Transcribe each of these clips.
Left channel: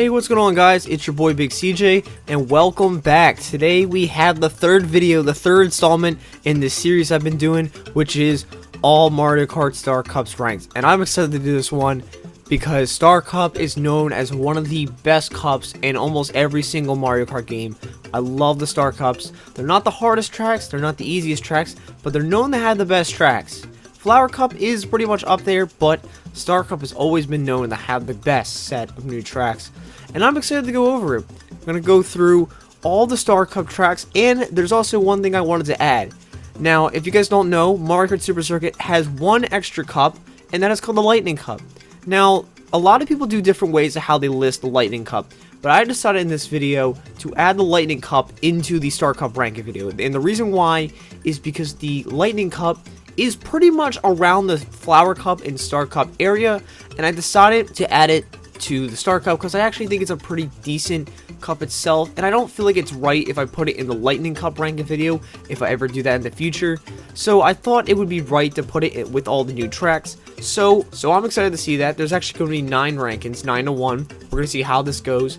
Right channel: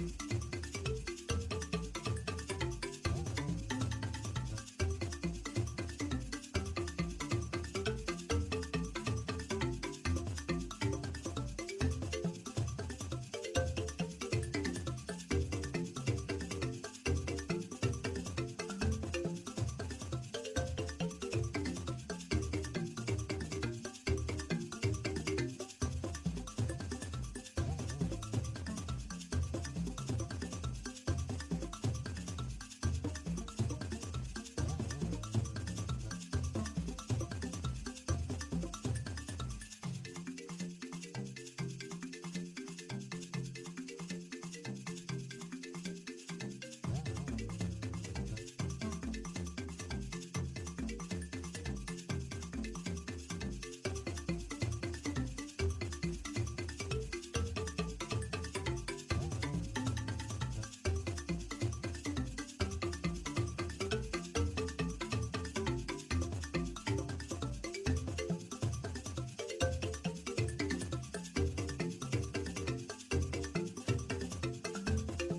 Hey, what's going on, guys? It's your boy Big CJ, and welcome back. Today we have the third video, the third installment in this series I've been doing, which is all Mario Kart Star Cups ranked. And I'm excited to do this one because Star Cup is known as one of the best cups in almost every single Mario Kart game. I love the Star Cups. They're not the hardest tracks, they're not the easiest tracks, but they're known to have the best tracks. Flower Cup is pretty much up there, but Star Cup has always been known to have the best set of new tracks. And I'm excited to go over it. I'm going to go through all the Star Cup tracks, and there's also one thing I wanted to add. Now, if you guys don't know, Mario Kart Super Circuit has one extra cup, and that is called the Lightning Cup. Now, a lot of people do different ways of how they list the Lightning Cup, but I decided in this video to add the Lightning Cup into the Star Cup ranking video. And the reason why is because the Lightning Cup is pretty much around the Flower Cup and Star Cup area, and I decided to add it to the Star Cup because I actually think it's a pretty decent cup itself, and I don't feel like it's right if I put it in the Lightning Cup ranking video if I ever do that in the future. So I thought it would be right to put it with all the new tracks. So I'm excited to see that. There's actually going to be 9 rankings, 9 to 1. We're going to see how this goes.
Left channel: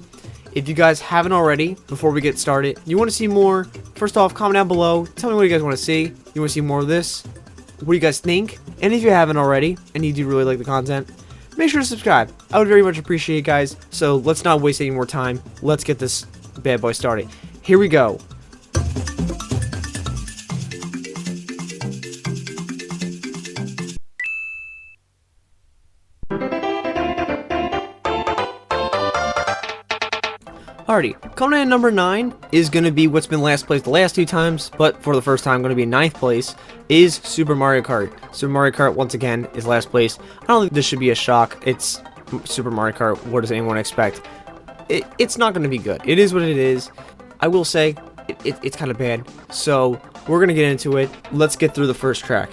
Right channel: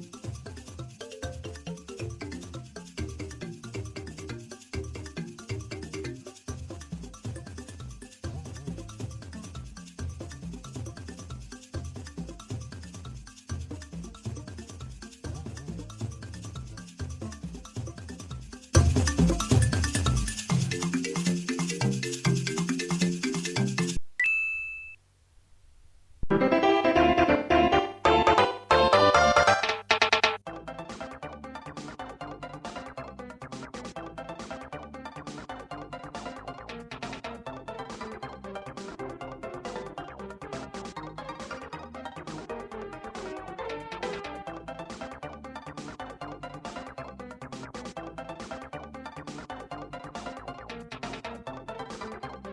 If you guys haven't already, before we get started, you want to see more, first off, comment down below. Tell me what you guys want to see. You want to see more of this? What do you guys think? And if you haven't already, and you do really like the content, make sure to subscribe. I would very much appreciate it, guys. So let's not waste any more time. Let's get this bad boy started. Here we go. Alrighty, coming in at number 9 is going to be what's been last place the last 2 times, but for the first time going to be 9th place, is Super Mario Kart. Super Mario Kart, once again, is last place. I don't think this should be a shock. It's Super Mario Kart. What does anyone expect? It's not going to be good. It is what it is. I will say, it's kind of bad. So, we're going to get into it. Let's get through the first track.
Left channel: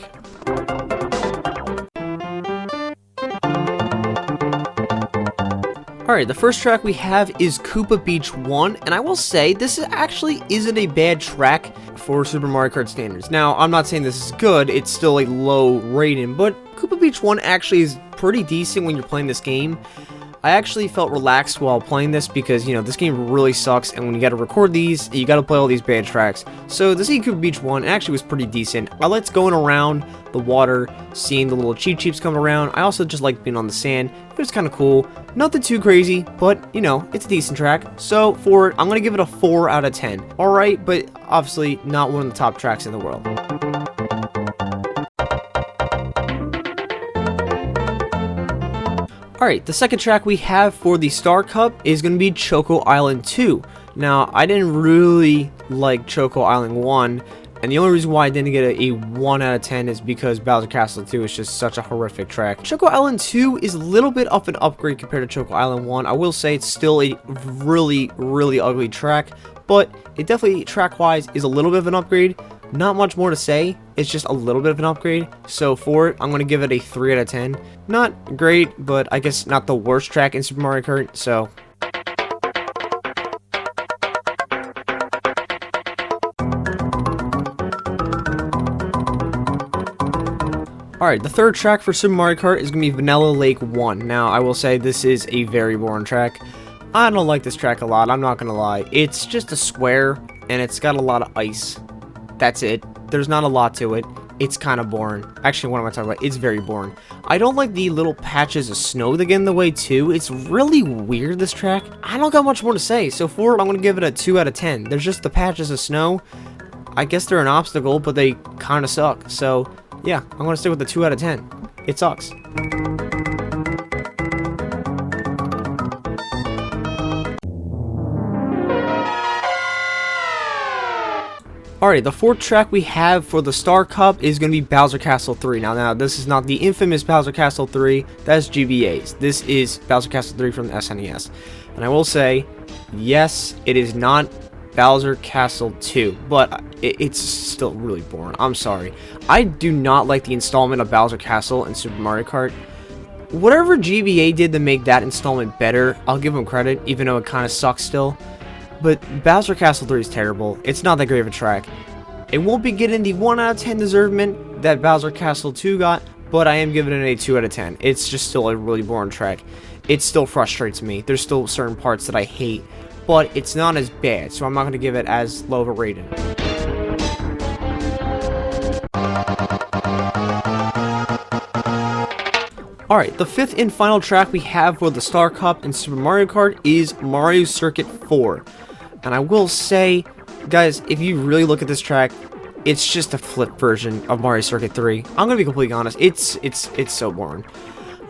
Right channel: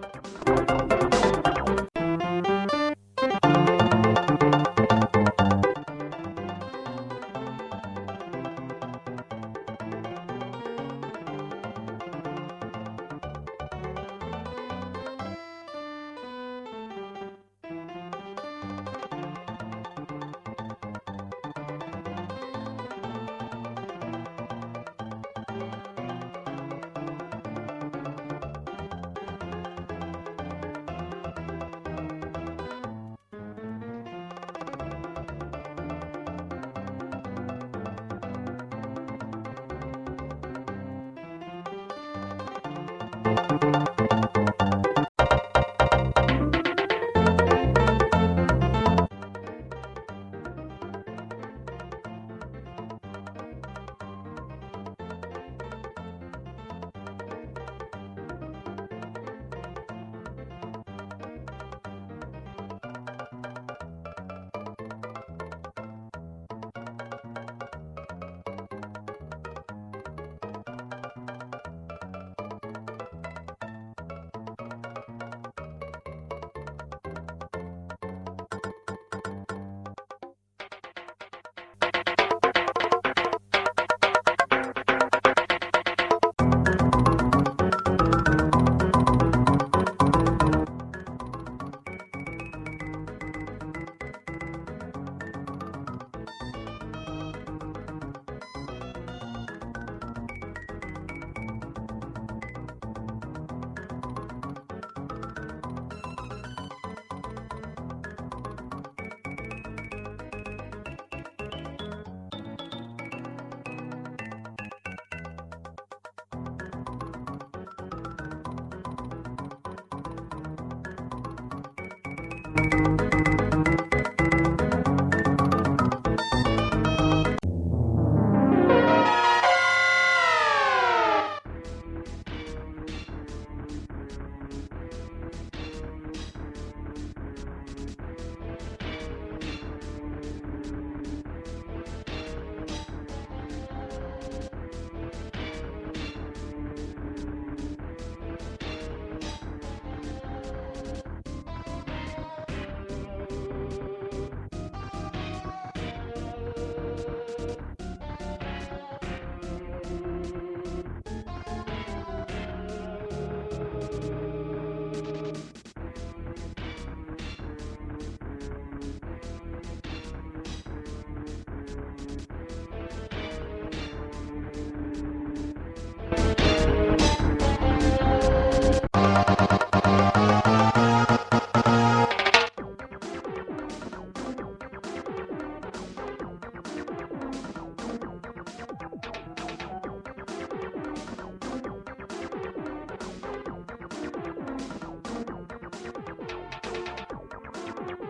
Alright, the first track we have is Koopa Beach 1, and I will say, this actually isn't a bad track for Super Mario Kart standards. Now, I'm not saying this is good, it's still a low rating, but Koopa Beach 1 actually is pretty decent when you're playing this game. I actually felt relaxed while playing this because, you know, this game really sucks, and when you gotta record these, you gotta play all these bad tracks. So, the Koopa Beach 1 actually was pretty decent. I liked going around the water, seeing the little Cheep Cheeps come around. I also just liked being on the sand. It was kind of cool. Nothing too crazy, but, you know, it's a decent track. So, for it, I'm gonna give it a 4 out of 10. Alright, but obviously not one of the top tracks in the world. Alright, the second track we have for the Star Cup is going to be Choco Island 2. Now, I didn't really like Choco Island 1, and the only reason why I didn't get a 1 out of 10 is because Bowser Castle 2 is just such a horrific track. Choco Island 2 is a little bit of an upgrade compared to Choco Island 1. I will say it's still a really, really ugly track, but it definitely, track-wise, is a little bit of an upgrade. Not much more to say, it's just a little bit of an upgrade. So for it, I'm going to give it a 3 out of 10. Not great, but I guess not the worst track in Super Mario Kart, so... Alright, the third track for Super Mario Kart is going to be Vanilla Lake 1. Now, I will say this is a very boring track. I don't like this track a lot, I'm not going to lie. It's just a square, and it's got a lot of ice. That's it. There's not a lot to it. It's kind of boring. Actually, what am I talking about? It's very boring. I don't like the little patches of snow that get in the way, too. It's really weird, this track. I don't got much more to say. So for it, I'm going to give it a 2 out of 10. There's just the patches of snow. I guess they're an obstacle, but they kind of suck. So, yeah, I'm going to stick with the 2 out of 10. It sucks. Alright, the fourth track we have for the Star Cup is going to be Bowser Castle 3. Now, this is not the infamous Bowser Castle 3, that's GBA's. This is Bowser Castle 3 from the SNES. And I will say, yes, it is not Bowser Castle 2, but it's still really boring. I'm sorry. I do not like the installment of Bowser Castle in Super Mario Kart. Whatever GBA did to make that installment better, I'll give them credit, even though it kind of sucks still. But Bowser Castle 3 is terrible. It's not that great of a track. It won't be getting the 1 out of 10 deservement that Bowser Castle 2 got, but I am giving it a 2 out of 10. It's just still a really boring track. It still frustrates me. There's still certain parts that I hate, but it's not as bad, so I'm not going to give it as low of a rating. Alright, the fifth and final track we have for the Star Cup in Super Mario Kart is Mario Circuit 4. And I will say, guys, if you really look at this track, it's just a flip version of Mario Circuit 3. I'm gonna be completely honest, it's so boring.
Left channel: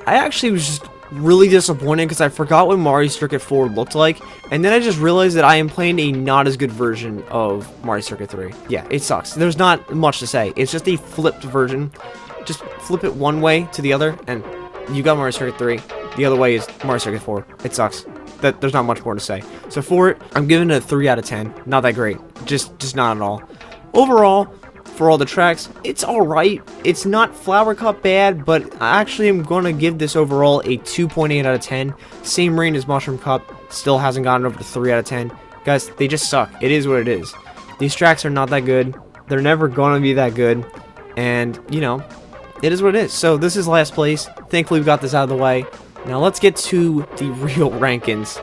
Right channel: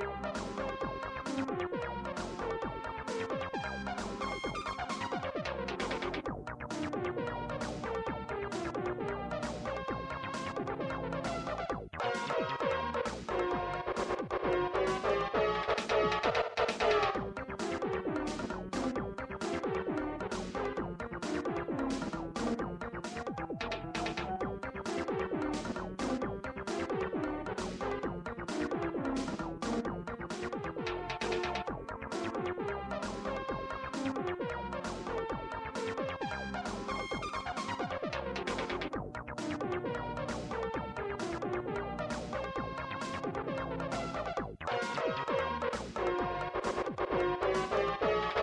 I actually was just really disappointed because I forgot what Mario Circuit 4 looked like, and then I just realized that I am playing a not as good version of Mario Circuit 3. Yeah, it sucks. There's not much to say. It's just a flipped version. Just flip it one way to the other, and you got Mario Circuit 3. The other way is Mario Circuit 4. It sucks. There's not much more to say. So for it, I'm giving it a 3 out of 10. Not that great. Just not at all. Overall, for all the tracks, it's alright. It's not Flower Cup bad, but I actually am going to give this overall a 2.8 out of 10. Same rating as Mushroom Cup. Still hasn't gotten over the 3 out of 10. Guys, they just suck. It is what it is. These tracks are not that good. They're never going to be that good. And, you know, it is what it is. So this is last place. Thankfully we got this out of the way. Now let's get to the real rankings.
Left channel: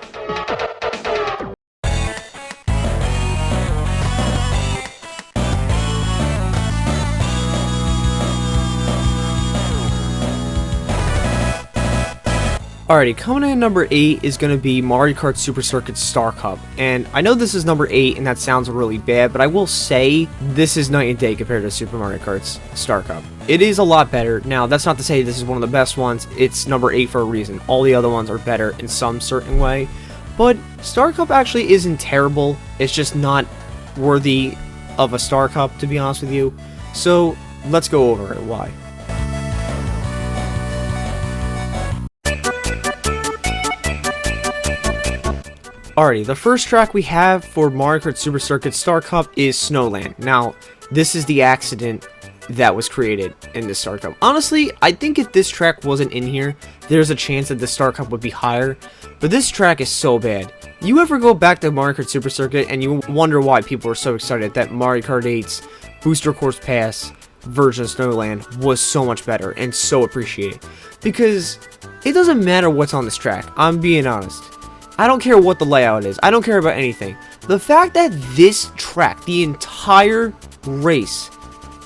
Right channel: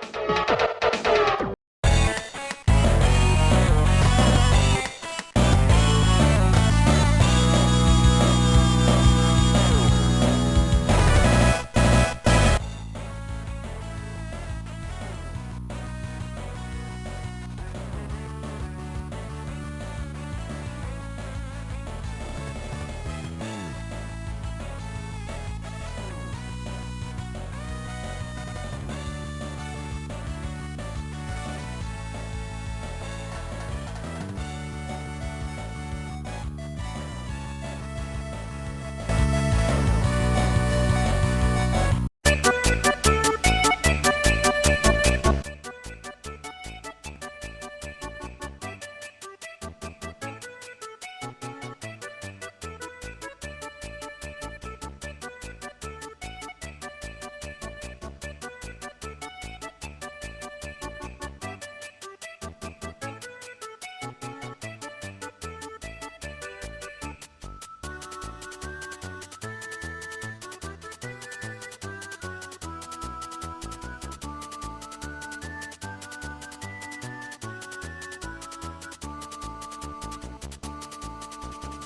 Alrighty, coming in at number 8 is going to be Mario Kart Super Circuit Star Cup. And I know this is number 8 and that sounds really bad, but I will say this is night and day compared to Super Mario Kart's Star Cup. It is a lot better. Now, that's not to say this is one of the best ones. It's number 8 for a reason. All the other ones are better in some certain way. But Star Cup actually isn't terrible. It's just not worthy of a Star Cup, to be honest with you. So, let's go over it. Why? Alrighty, the first track we have for Mario Kart Super Circuit Star Cup is Snowland. Now, this is the accident that was created in this Star Cup. Honestly, I think if this track wasn't in here, there's a chance that the Star Cup would be higher. But this track is so bad. You ever go back to Mario Kart Super Circuit and you wonder why people are so excited that Mario Kart 8's Booster Course Pass version of Snowland was so much better and so appreciated? Because it doesn't matter what's on this track, I'm being honest. I don't care what the layout is. I don't care about anything. The fact that this track, the entire race,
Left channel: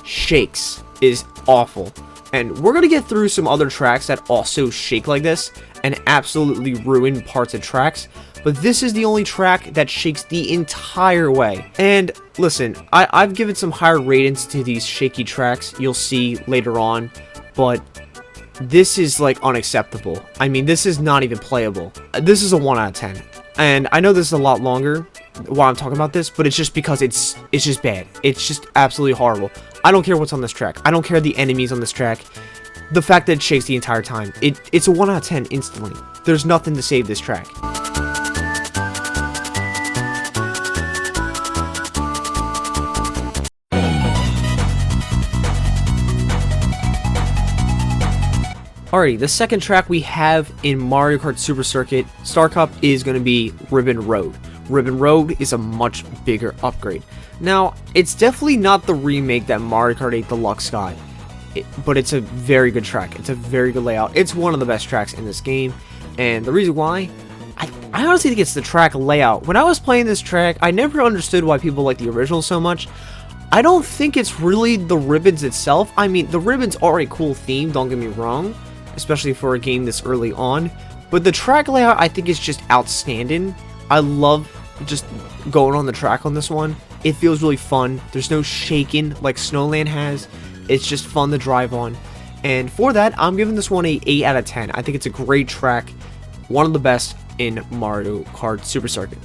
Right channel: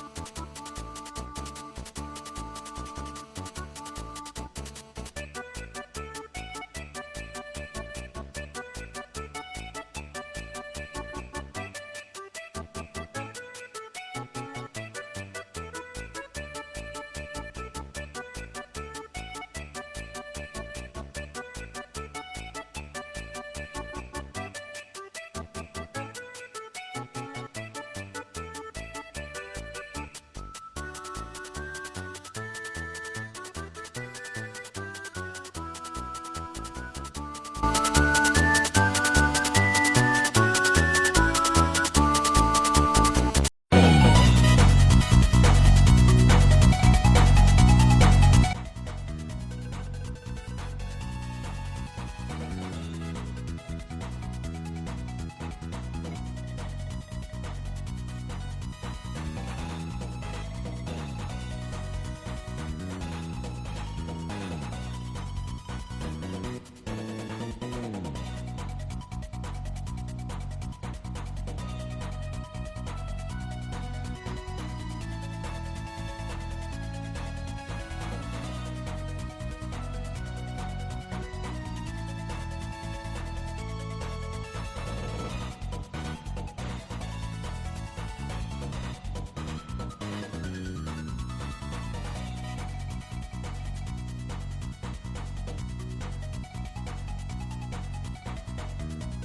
shakes is awful. And we're going to get through some other tracks that also shake like this and absolutely ruin parts of tracks. But this is the only track that shakes the entire way. And listen, I've given some higher ratings to these shaky tracks. You'll see later on. But this is like unacceptable. I mean, this is not even playable. This is a 1 out of 10. And I know this is a lot longer while I'm talking about this, but it's just because it's just bad. It's just absolutely horrible. I don't care what's on this track. I don't care the enemies on this track. The fact that it shakes the entire time. It's a 1 out of 10 instantly. There's nothing to save this track. Alrighty, the second track we have in Mario Kart Super Circuit Star Cup is going to be Ribbon Road. Ribbon Road is a much bigger upgrade. Now, it's definitely not the remake that Mario Kart 8 Deluxe got, but it's a very good track. It's a very good layout. It's one of the best tracks in this game, and the reason why, I honestly think it's the track layout. When I was playing this track, I never understood why people like the original so much. I don't think it's really the ribbons itself. I mean, the ribbons are a cool theme, don't get me wrong, especially for a game this early on, but the track layout I think is just outstanding. I love just going on the track on this one. It feels really fun. There's no shaking like Snowland has. It's just fun to drive on, and for that I'm giving this one a 8 out of 10. I think it's a great track, one of the best in Mario Kart Super Circuit.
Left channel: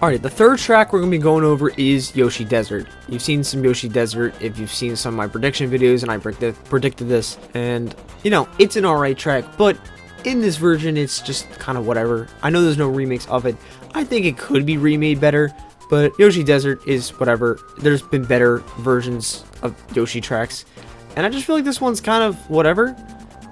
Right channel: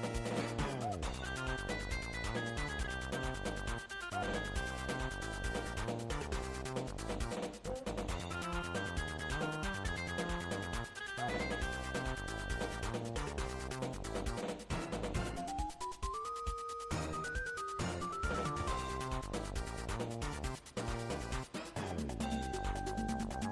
Alright, the third track we're going to be going over is Yoshi Desert. You've seen some Yoshi Desert if you've seen some of my prediction videos, and I predicted this, and, you know, it's an alright track, but in this version, it's just kind of whatever. I know there's no remakes of it. I think it could be remade better, but Yoshi Desert is whatever. There's been better versions of Yoshi tracks, and I just feel like this one's kind of whatever.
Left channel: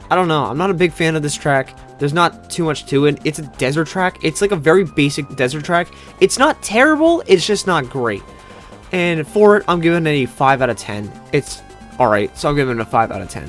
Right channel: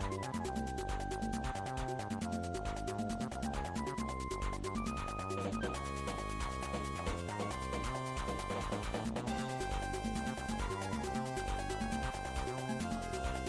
I don't know. I'm not a big fan of this track. There's not too much to it. It's a desert track. It's like a very basic desert track. It's not terrible. It's just not great. And for it, I'm giving it a 5 out of 10. It's alright, so I'm giving it a 5 out of 10.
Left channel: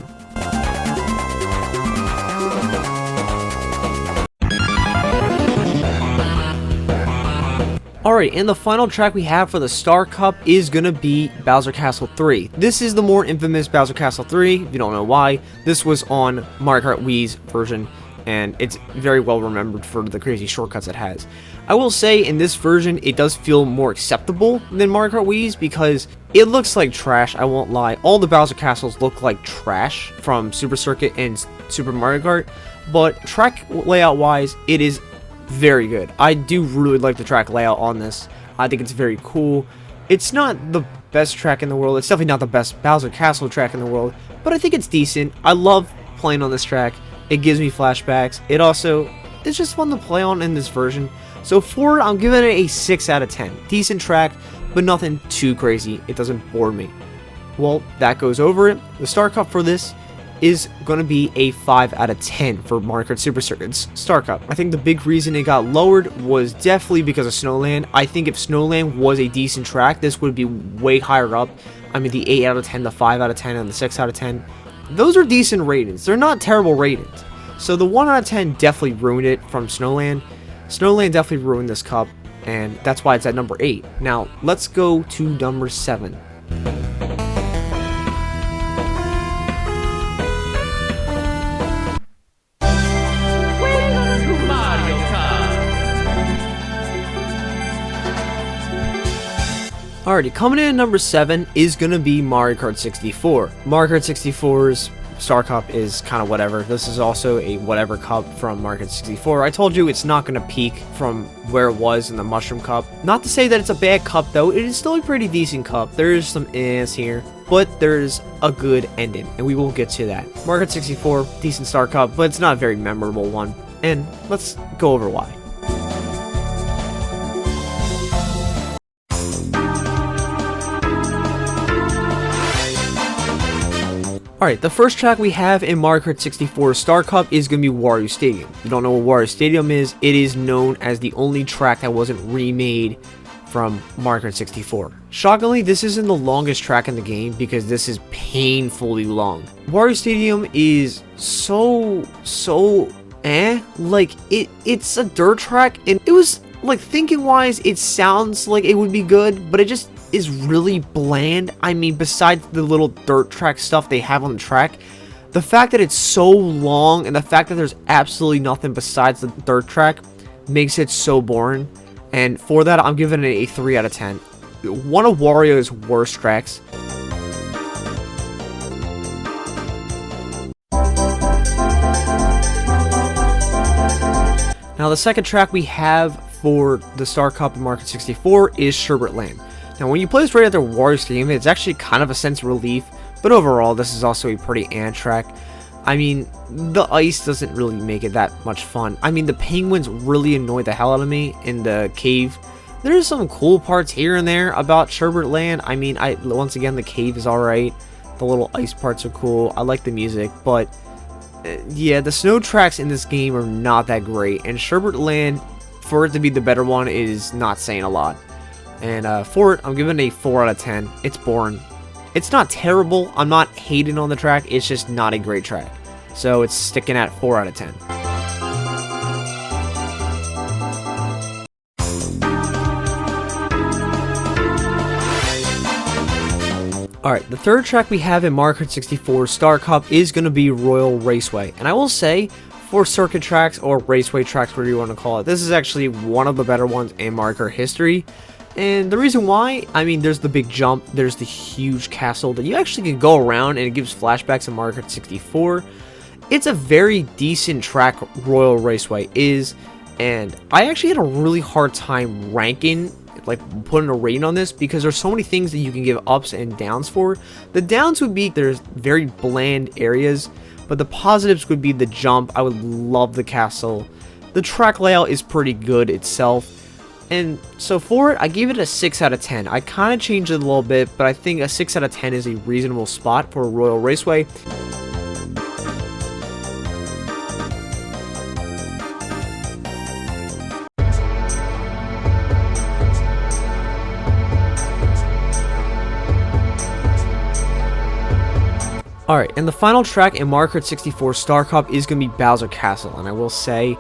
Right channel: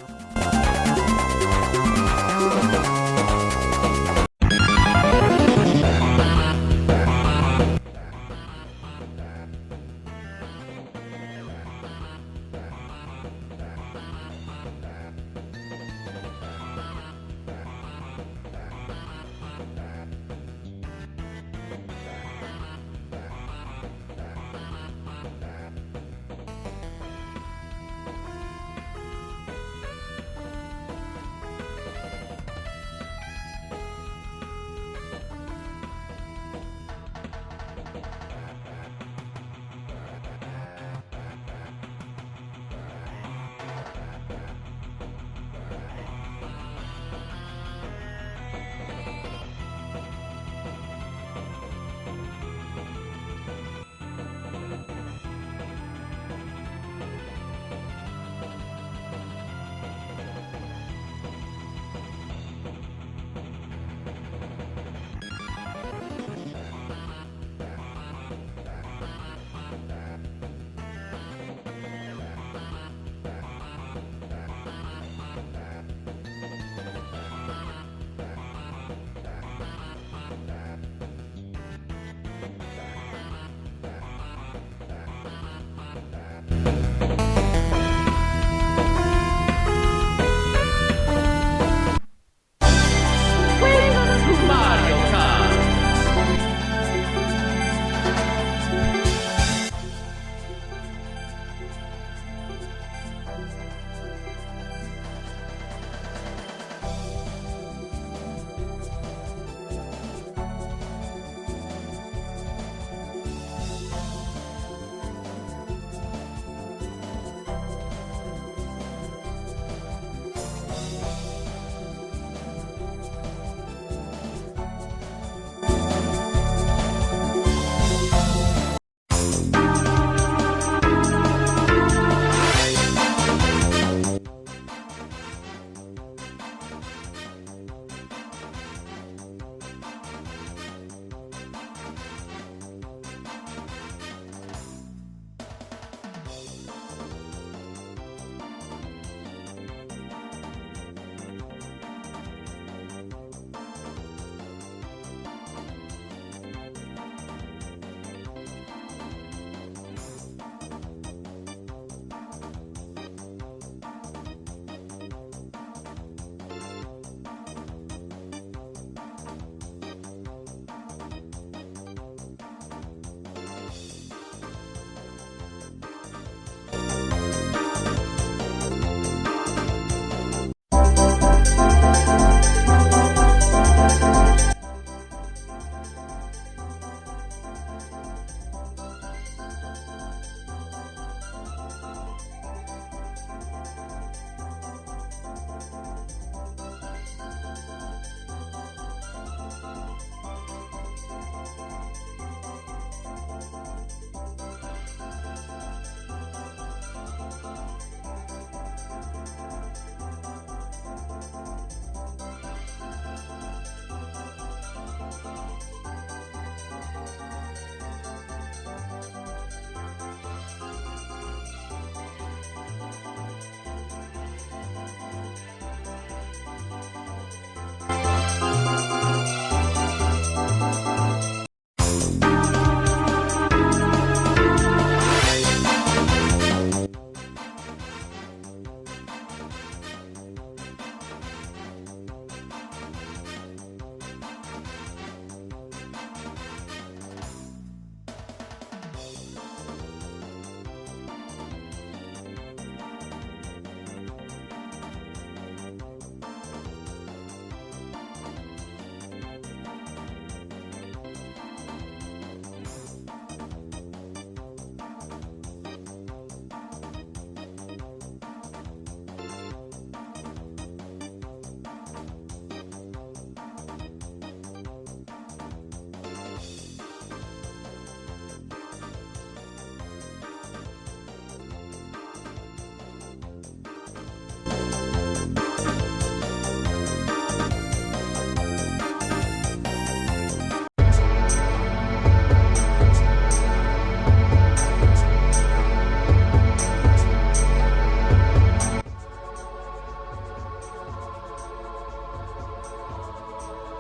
Alright, and the final track we have for the Star Cup is gonna be Bowser Castle 3. This is the more infamous Bowser Castle 3, if you don't know why. This was on Mario Kart Wii's version, and it's very well remembered for the crazy shortcuts it has. I will say, in this version, it does feel more acceptable than Mario Kart Wii's because it looks like trash, I won't lie. All the Bowser Castles look like trash from Super Circuit and Super Mario Kart, but track layout-wise, it is very good. I do really like the track layout on this. I think it's very cool. It's not the best track in the world. It's definitely not the best Bowser Castle track in the world, but I think it's decent. I love playing on this track. It gives me flashbacks. It's just fun to play on in this version. So for it, I'm giving it a 6 out of 10. Decent track, but nothing too crazy. It doesn't bore me. Well, that goes over it. The Star Cup for this is going to be a 5 out of 10 for Mario Kart Super Circuit's Star Cup. I think the big reason it got lowered was definitely because of Snowland. I think if Snowland was a decent track, this would be way higher up. I mean, the 8 out of 10, the 5 out of 10, and the 6 out of 10. Those are decent ratings. They're not terrible ratings. So the 1 out of 10 definitely ruined it from Snowland. Snowland definitely ruined this cup, and that's why it's at number 8. Now, let's go to number 7. Alrighty, coming in at number 7 is going to be Mario Kart 64. Mario Kart 64's Star Cup is kind of whatever. This is also a whatever cup from Mario Kart 64. I told you it's not going to peak from where it was in the Mushroom Cup. Not to say that it's a bad cup though, it is still a pretty decent cup. There's some is here, but there's a good ending, and we will get to that. Mario Kart 64, decent Star Cup, but it's not a very memorable one, and let's go over why. Alright, the first track we have in Mario Kart 64 Star Cup is going to be Wario Stadium. If you don't know what Wario Stadium is, it is known as the only track that wasn't remade from Mario Kart 64. Shockingly, this isn't the longest track in the game because this is painfully long. Wario Stadium is so like it's a dirt track, and it was like, thinking wise, it sounds like it would be good, but it just is really bland. I mean, besides the little dirt track stuff they have on the track, the fact that it's so long and the fact that there's absolutely nothing besides the dirt track makes it so boring. And for that, I'm giving it a 3 out of 10. One of Wario's worst tracks. Now, the second track we have for the Star Cup of Mario Kart 64 is Sherbet Land. Now, when you play this right after Wario Stadium, it's actually kind of a sense of relief, but overall, this is also a pretty track. I mean, the ice doesn't really make it that much fun. I mean, the penguins really annoy the hell out of me in the cave. There's some cool parts here and there about Sherbet Land. I mean, once again, the cave is alright. The little ice parts are cool. I like the music, but yeah, the snow tracks in this game are not that great, and Sherbet Land, for it to be the better one, is not saying a lot. And for it, I'm giving it a 4 out of 10. It's boring. It's not terrible. I'm not hating on the track. It's just not a great track. So it's sticking at 4 out of 10. Alright, the third track we have in Mario Kart 64 Star Cup is going to be Royal Raceway. And I will say, for circuit tracks or raceway tracks, whatever you want to call it, this is actually one of the better ones in Mario Kart history. And the reason why, I mean, there's the big jump, there's the huge castle that you actually can go around, and it gives flashbacks of Mario Kart 64. It's a very decent track, Royal Raceway is, and I actually had a really hard time ranking, like putting a rating on this, because there's so many things that you can give ups and downs for. The downs would be there's very bland areas, but the positives would be the jump. I would love the castle. The track layout is pretty good itself. And so for it, I gave it a 6 out of 10. I kind of changed it a little bit, but I think a 6 out of 10 is a reasonable spot for a Royal Raceway. Alright, and the final track in Mario Kart 64 Star Cup is going to be Bowser Castle, and I will say,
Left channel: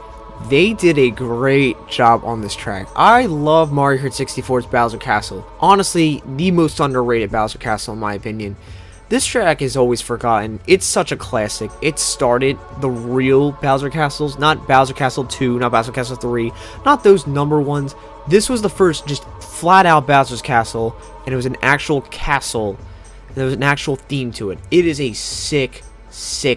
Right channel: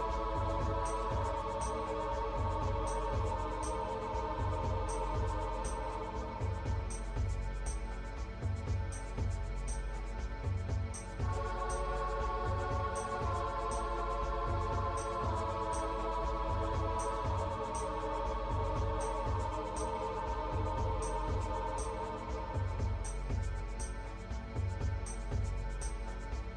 they did a great job on this track. I love Mario Kart 64's Bowser Castle. Honestly, the most underrated Bowser Castle in my opinion. This track is always forgotten. It's such a classic. It started the real Bowser Castles, not Bowser Castle 2, not Bowser Castle 3, not those number ones. This was the first just flat out Bowser's Castle, and it was an actual castle. There was an actual theme to it. It is a sick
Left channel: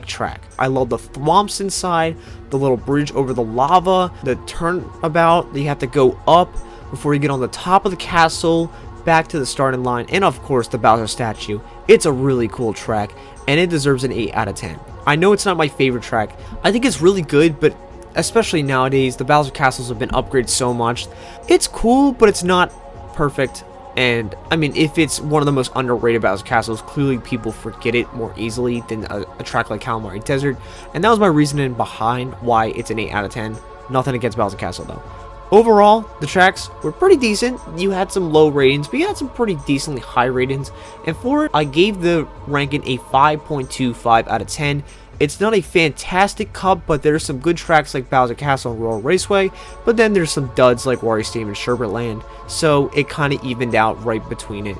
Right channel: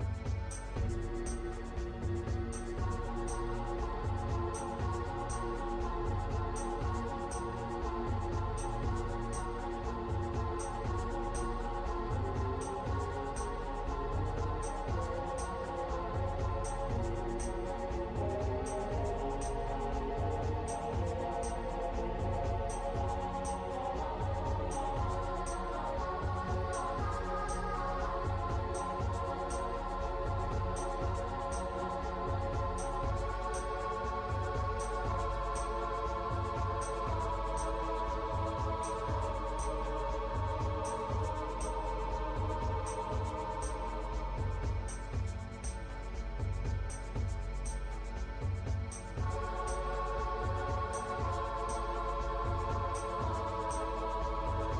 track. I love the thwomps inside, the little bridge over the lava, the turnabout that you have to go up before you get on the top of the castle, back to the starting line, and of course the Bowser statue. It's a really cool track, and it deserves an 8 out of 10. I know it's not my favorite track. I think it's really good, but especially nowadays, the Bowser Castles have been upgraded so much. It's cool, but it's not perfect. And I mean, if it's one of the most underrated Bowser Castles, clearly people forget it more easily than a track like Calamari Desert. And that was my reasoning behind why it's an 8 out of 10. Nothing against Bowser Castle though. Overall, the tracks were pretty decent. You had some low ratings, but you had some pretty decently high ratings. And for it, I gave the ranking a 5.25 out of 10. It's not a fantastic cup, but there's some good tracks like Bowser Castle and Royal Raceway, but then there's some duds like Wario Stadium and Sherbet Land, so it kind of evened out right between it.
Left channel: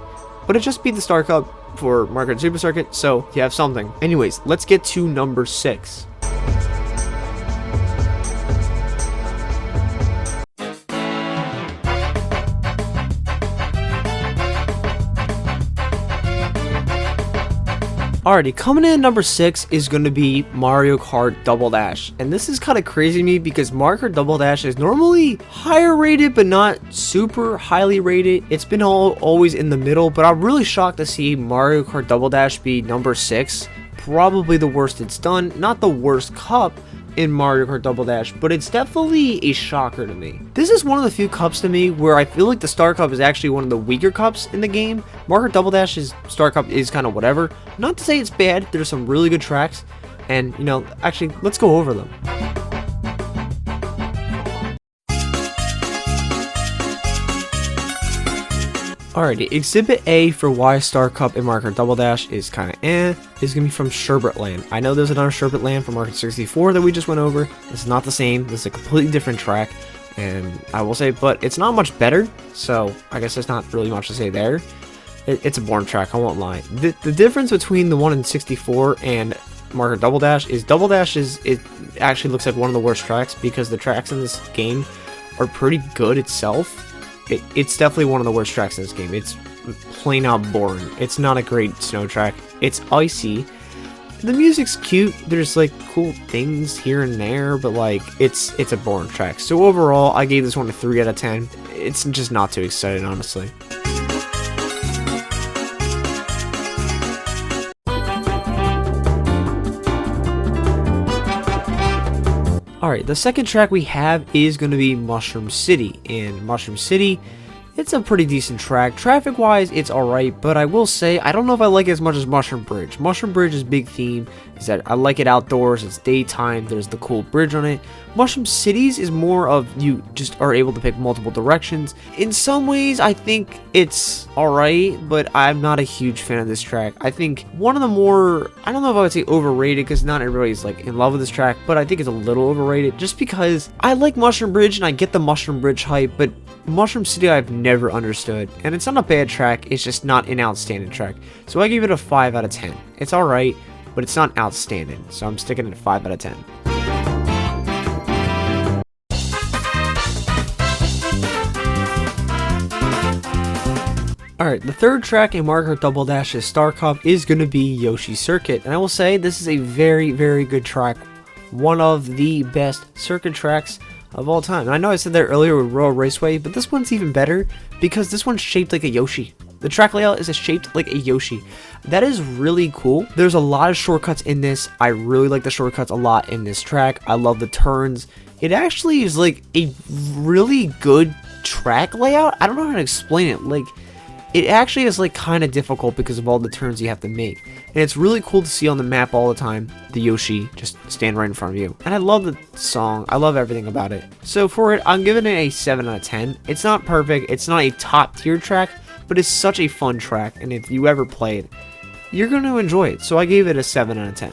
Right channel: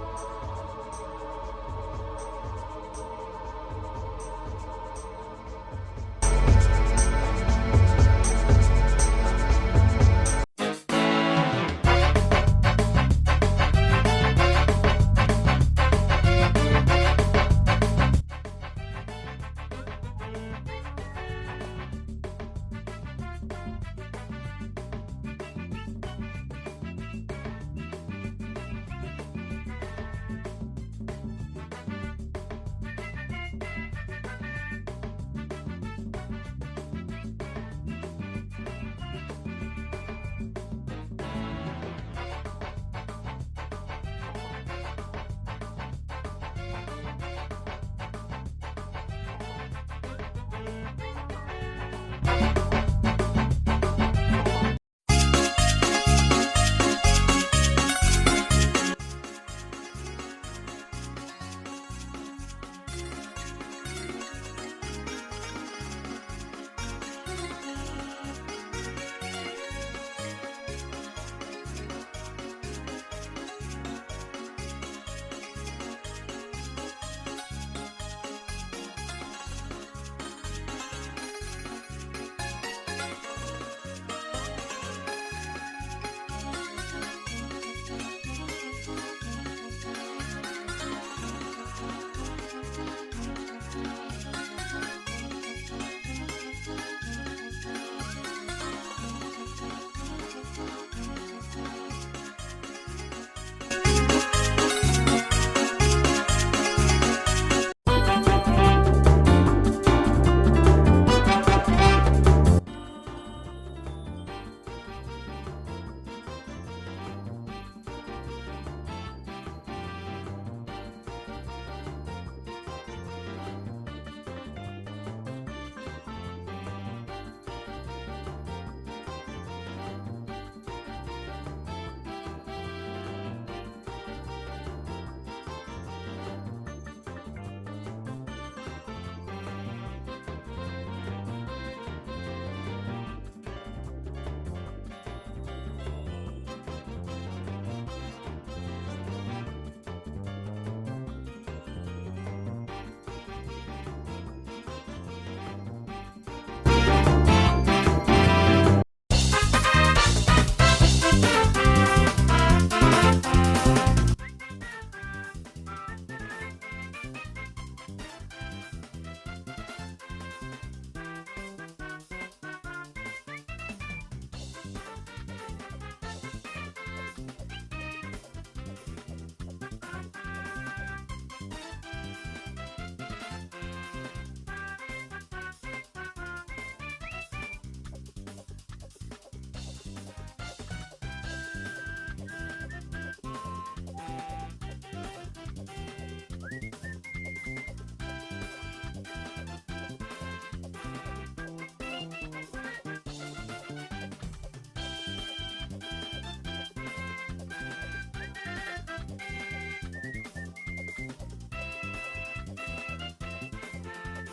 But it just beat the Star Cup for Mario Kart Super Circuit, so you have something. Anyways, let's get to number 6. Alrighty, coming in at number 6 is going to be Mario Kart Double Dash. And this is kind of crazy to me because Mario Kart Double Dash is normally higher rated but not super highly rated. It's been always in the middle, but I'm really shocked to see Mario Kart Double Dash be number 6. Probably the worst it's done. Not the worst cup in Mario Kart Double Dash, but it's definitely a shocker to me. This is one of the few cups to me where I feel like the Star Cup is actually one of the weaker cups in the game. Mario Kart Double Dash's Star Cup is kind of whatever. Not to say it's bad, there's some really good tracks, and you know, actually, let's go over them. Alrighty, Exhibit A for why Star Cup in Mario Kart Double Dash is kind of is going to be from Sherbet Land. I know there's another Sherbet Land from Mario Kart 64 that we just went over. It's not the same. This is a completely different track, and I will say, but it's not much better, so I guess there's not really much to say there. It's a boring track, I won't lie. The difference between the one in 64 and Mario Kart Double Dash it actually looks like one of the worst tracks because the tracks in this game are pretty good itself. It's definitely one of the worst tracks in this game. It's plain out boring. It's not a great snow track. It's icy. The music's cute. There's like cool things here and there, but like it's a boring track. So overall, I gave this one a 3 out of 10. It's just not too exciting, honestly. Alright, the second track we have is going to be Mushroom City. And Mushroom City, it's a pretty decent track. Traffic-wise, it's alright, but I will say, I don't know if I like it as much as Mushroom Bridge. Mushroom Bridge's big theme is that I like it outdoors, it's daytime, there's the cool bridge on it. Mushroom Cities is more of you just are able to pick multiple directions. In some ways, I think it's alright, but I'm not a huge fan of this track. I think one of the more, I don't know if I would say overrated, because not everybody's like in love with this track, but I think it's a little overrated, just because I like Mushroom Bridge, and I get the Mushroom Bridge hype, but Mushroom City I've never understood, and it's not a bad track, it's just not an outstanding track. So I give it a 5 out of 10. It's alright, but it's not outstanding, so I'm sticking it at 5 out of 10. Alright, the third track in Mario Kart Double Dash's Star Cup is going to be Yoshi Circuit, and I will say this is a very, very good track. One of the best circuit tracks of all time. And I know I said that earlier with Royal Raceway, but this one's even better because this one's shaped like a Yoshi. The track layout is shaped like a Yoshi. That is really cool. There's a lot of shortcuts in this. I really like the shortcuts a lot in this track. I love the turns. It actually is like a really good track layout. I don't know how to explain it. Like, it actually is like kind of difficult because of all the turns you have to make. And it's really cool to see on the map all the time, the Yoshi just stand right in front of you. And I love the song. I love everything about it. So for it, I'm giving it a 7 out of 10. It's not perfect. It's not a top tier track, but it's such a fun track. And if you ever play it, you're going to enjoy it. So I gave it a 7 out of 10.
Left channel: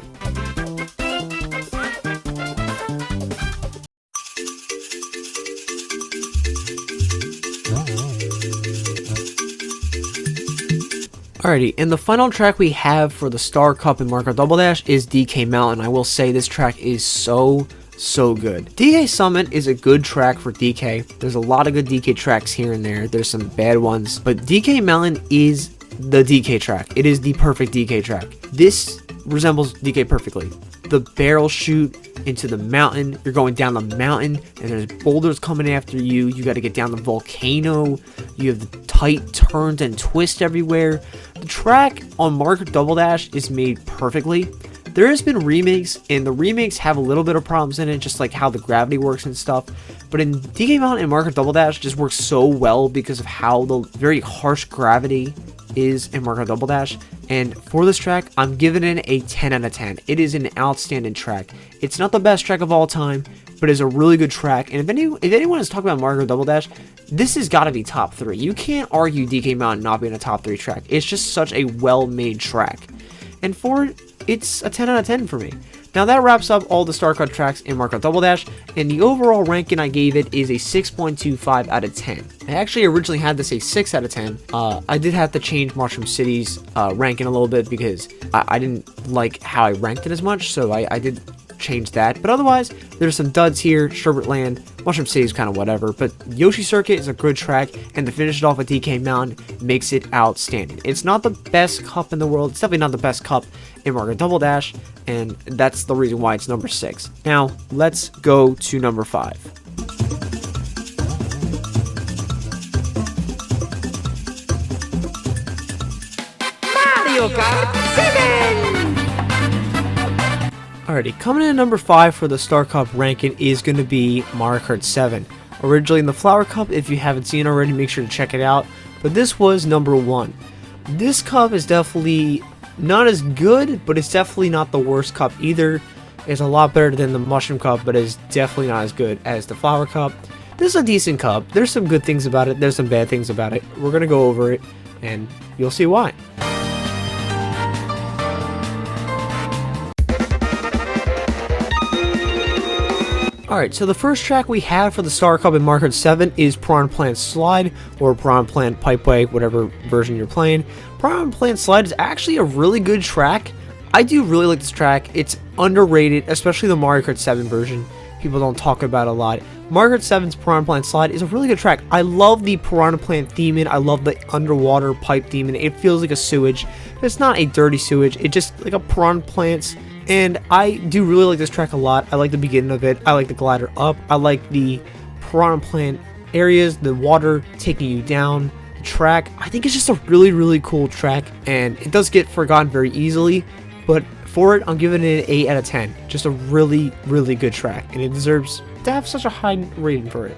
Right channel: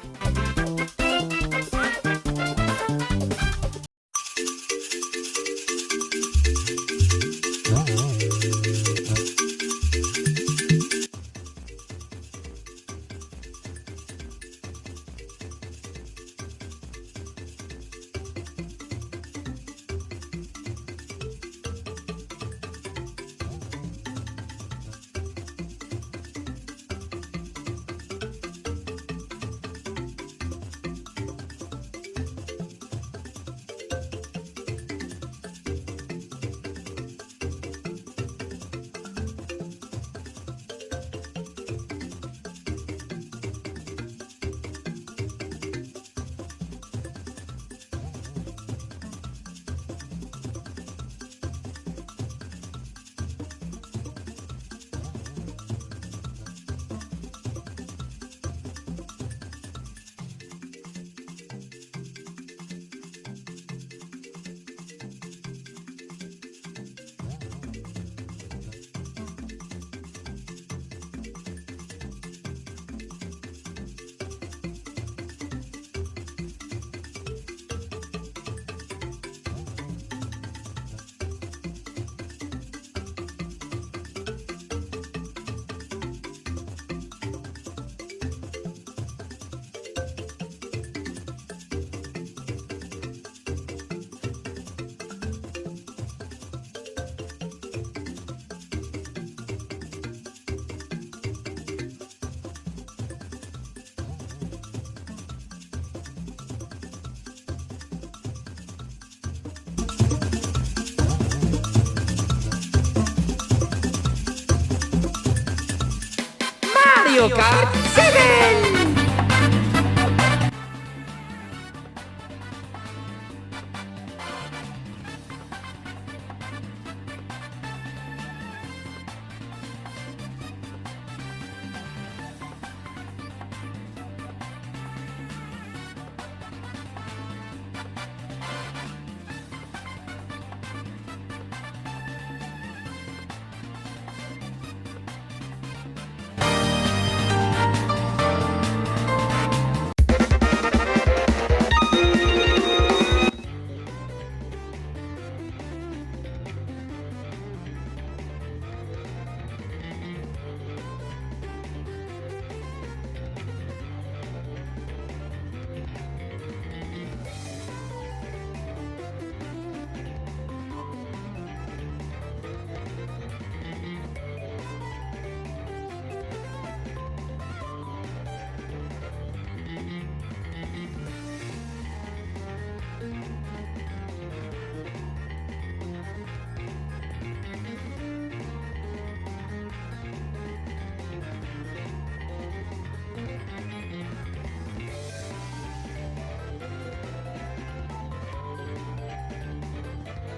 Alrighty, and the final track we have for the Star Cup in Mario Kart Double Dash is DK Mountain. I will say this track is so good. DK Summit is a good track for DK. There's a lot of good DK tracks here and there. There's some bad ones, but DK Mountain is the DK track. It is the perfect DK track. This resembles DK perfectly. The barrel shoot into the mountain. You're going down the mountain and there's boulders coming after you. You got to get down the volcano. You have the tight turns and twists everywhere. The track on Mario Kart Double Dash is made perfectly. There has been remakes, and the remakes have a little bit of problems in it, just like how the gravity works and stuff. But in DK Mountain and Mario Kart Double Dash just works so well because of how the very harsh gravity is in Mario Kart Double Dash. And for this track, I'm giving it a 10 out of 10. It is an outstanding track. It's not the best track of all time, but it's a really good track. And if anyone is talking about Mario Kart Double Dash, this has got to be top 3. You can't argue DK Mountain not being a top 3 track. It's just such a well-made track. And for it, it's a 10 out of 10 for me. Now that wraps up all the Star Cup tracks in Mario Kart Double Dash, and the overall ranking I gave it is a 6.25 out of 10. I actually originally had this a 6 out of 10. I did have to change Mushroom City's ranking a little bit because I didn't like how I ranked it as much, so I did change that. But otherwise, there's some duds here. Sherbet Land, Mushroom City is kind of whatever, but Yoshi Circuit is a good track, and to finish it off with DK Mountain makes it outstanding. It's not the best cup in the world. It's definitely not the best cup in Mario Kart Double Dash, and that's the reason why it's number 6. Now, let's go to number 5. Mario Kart 7! Alrighty, coming in at number 5 for the Star Cup ranking is going to be Mario Kart 7. Originally in the Flower Cup, if you haven't seen it already, make sure to check it out. But this was number 1. This cup is definitely not as good, but it's definitely not the worst cup either. It's a lot better than the Mushroom Cup, but it's definitely not as good as the Flower Cup. This is a decent cup. There's some good things about it. There's some bad things about it. We're going to go over it, and you'll see why. Alright, so the first track we have for the Star Cup in Mario Kart 7 is Piranha Plant Slide, or Piranha Plant Pipeway, whatever version you're playing. Piranha Plant Slide is actually a really good track. I do really like this track. It's underrated, especially the Mario Kart 7 version. People don't talk about it a lot. Mario Kart 7's Piranha Plant Slide is a really good track. I love the Piranha Plant theme. I love the underwater pipe theme. It feels like a sewage. It's not a dirty sewage. It's just like a Piranha Plants. And I do really like this track a lot. I like the beginning of it. I like the glider up. I like the Piranha Plant areas, the water taking you down. Track, I think it's just a really cool track, and it does get forgotten very easily, but for it, I'm giving it an 8 out of 10. Just a really good track, and it deserves to have such a high rating for it.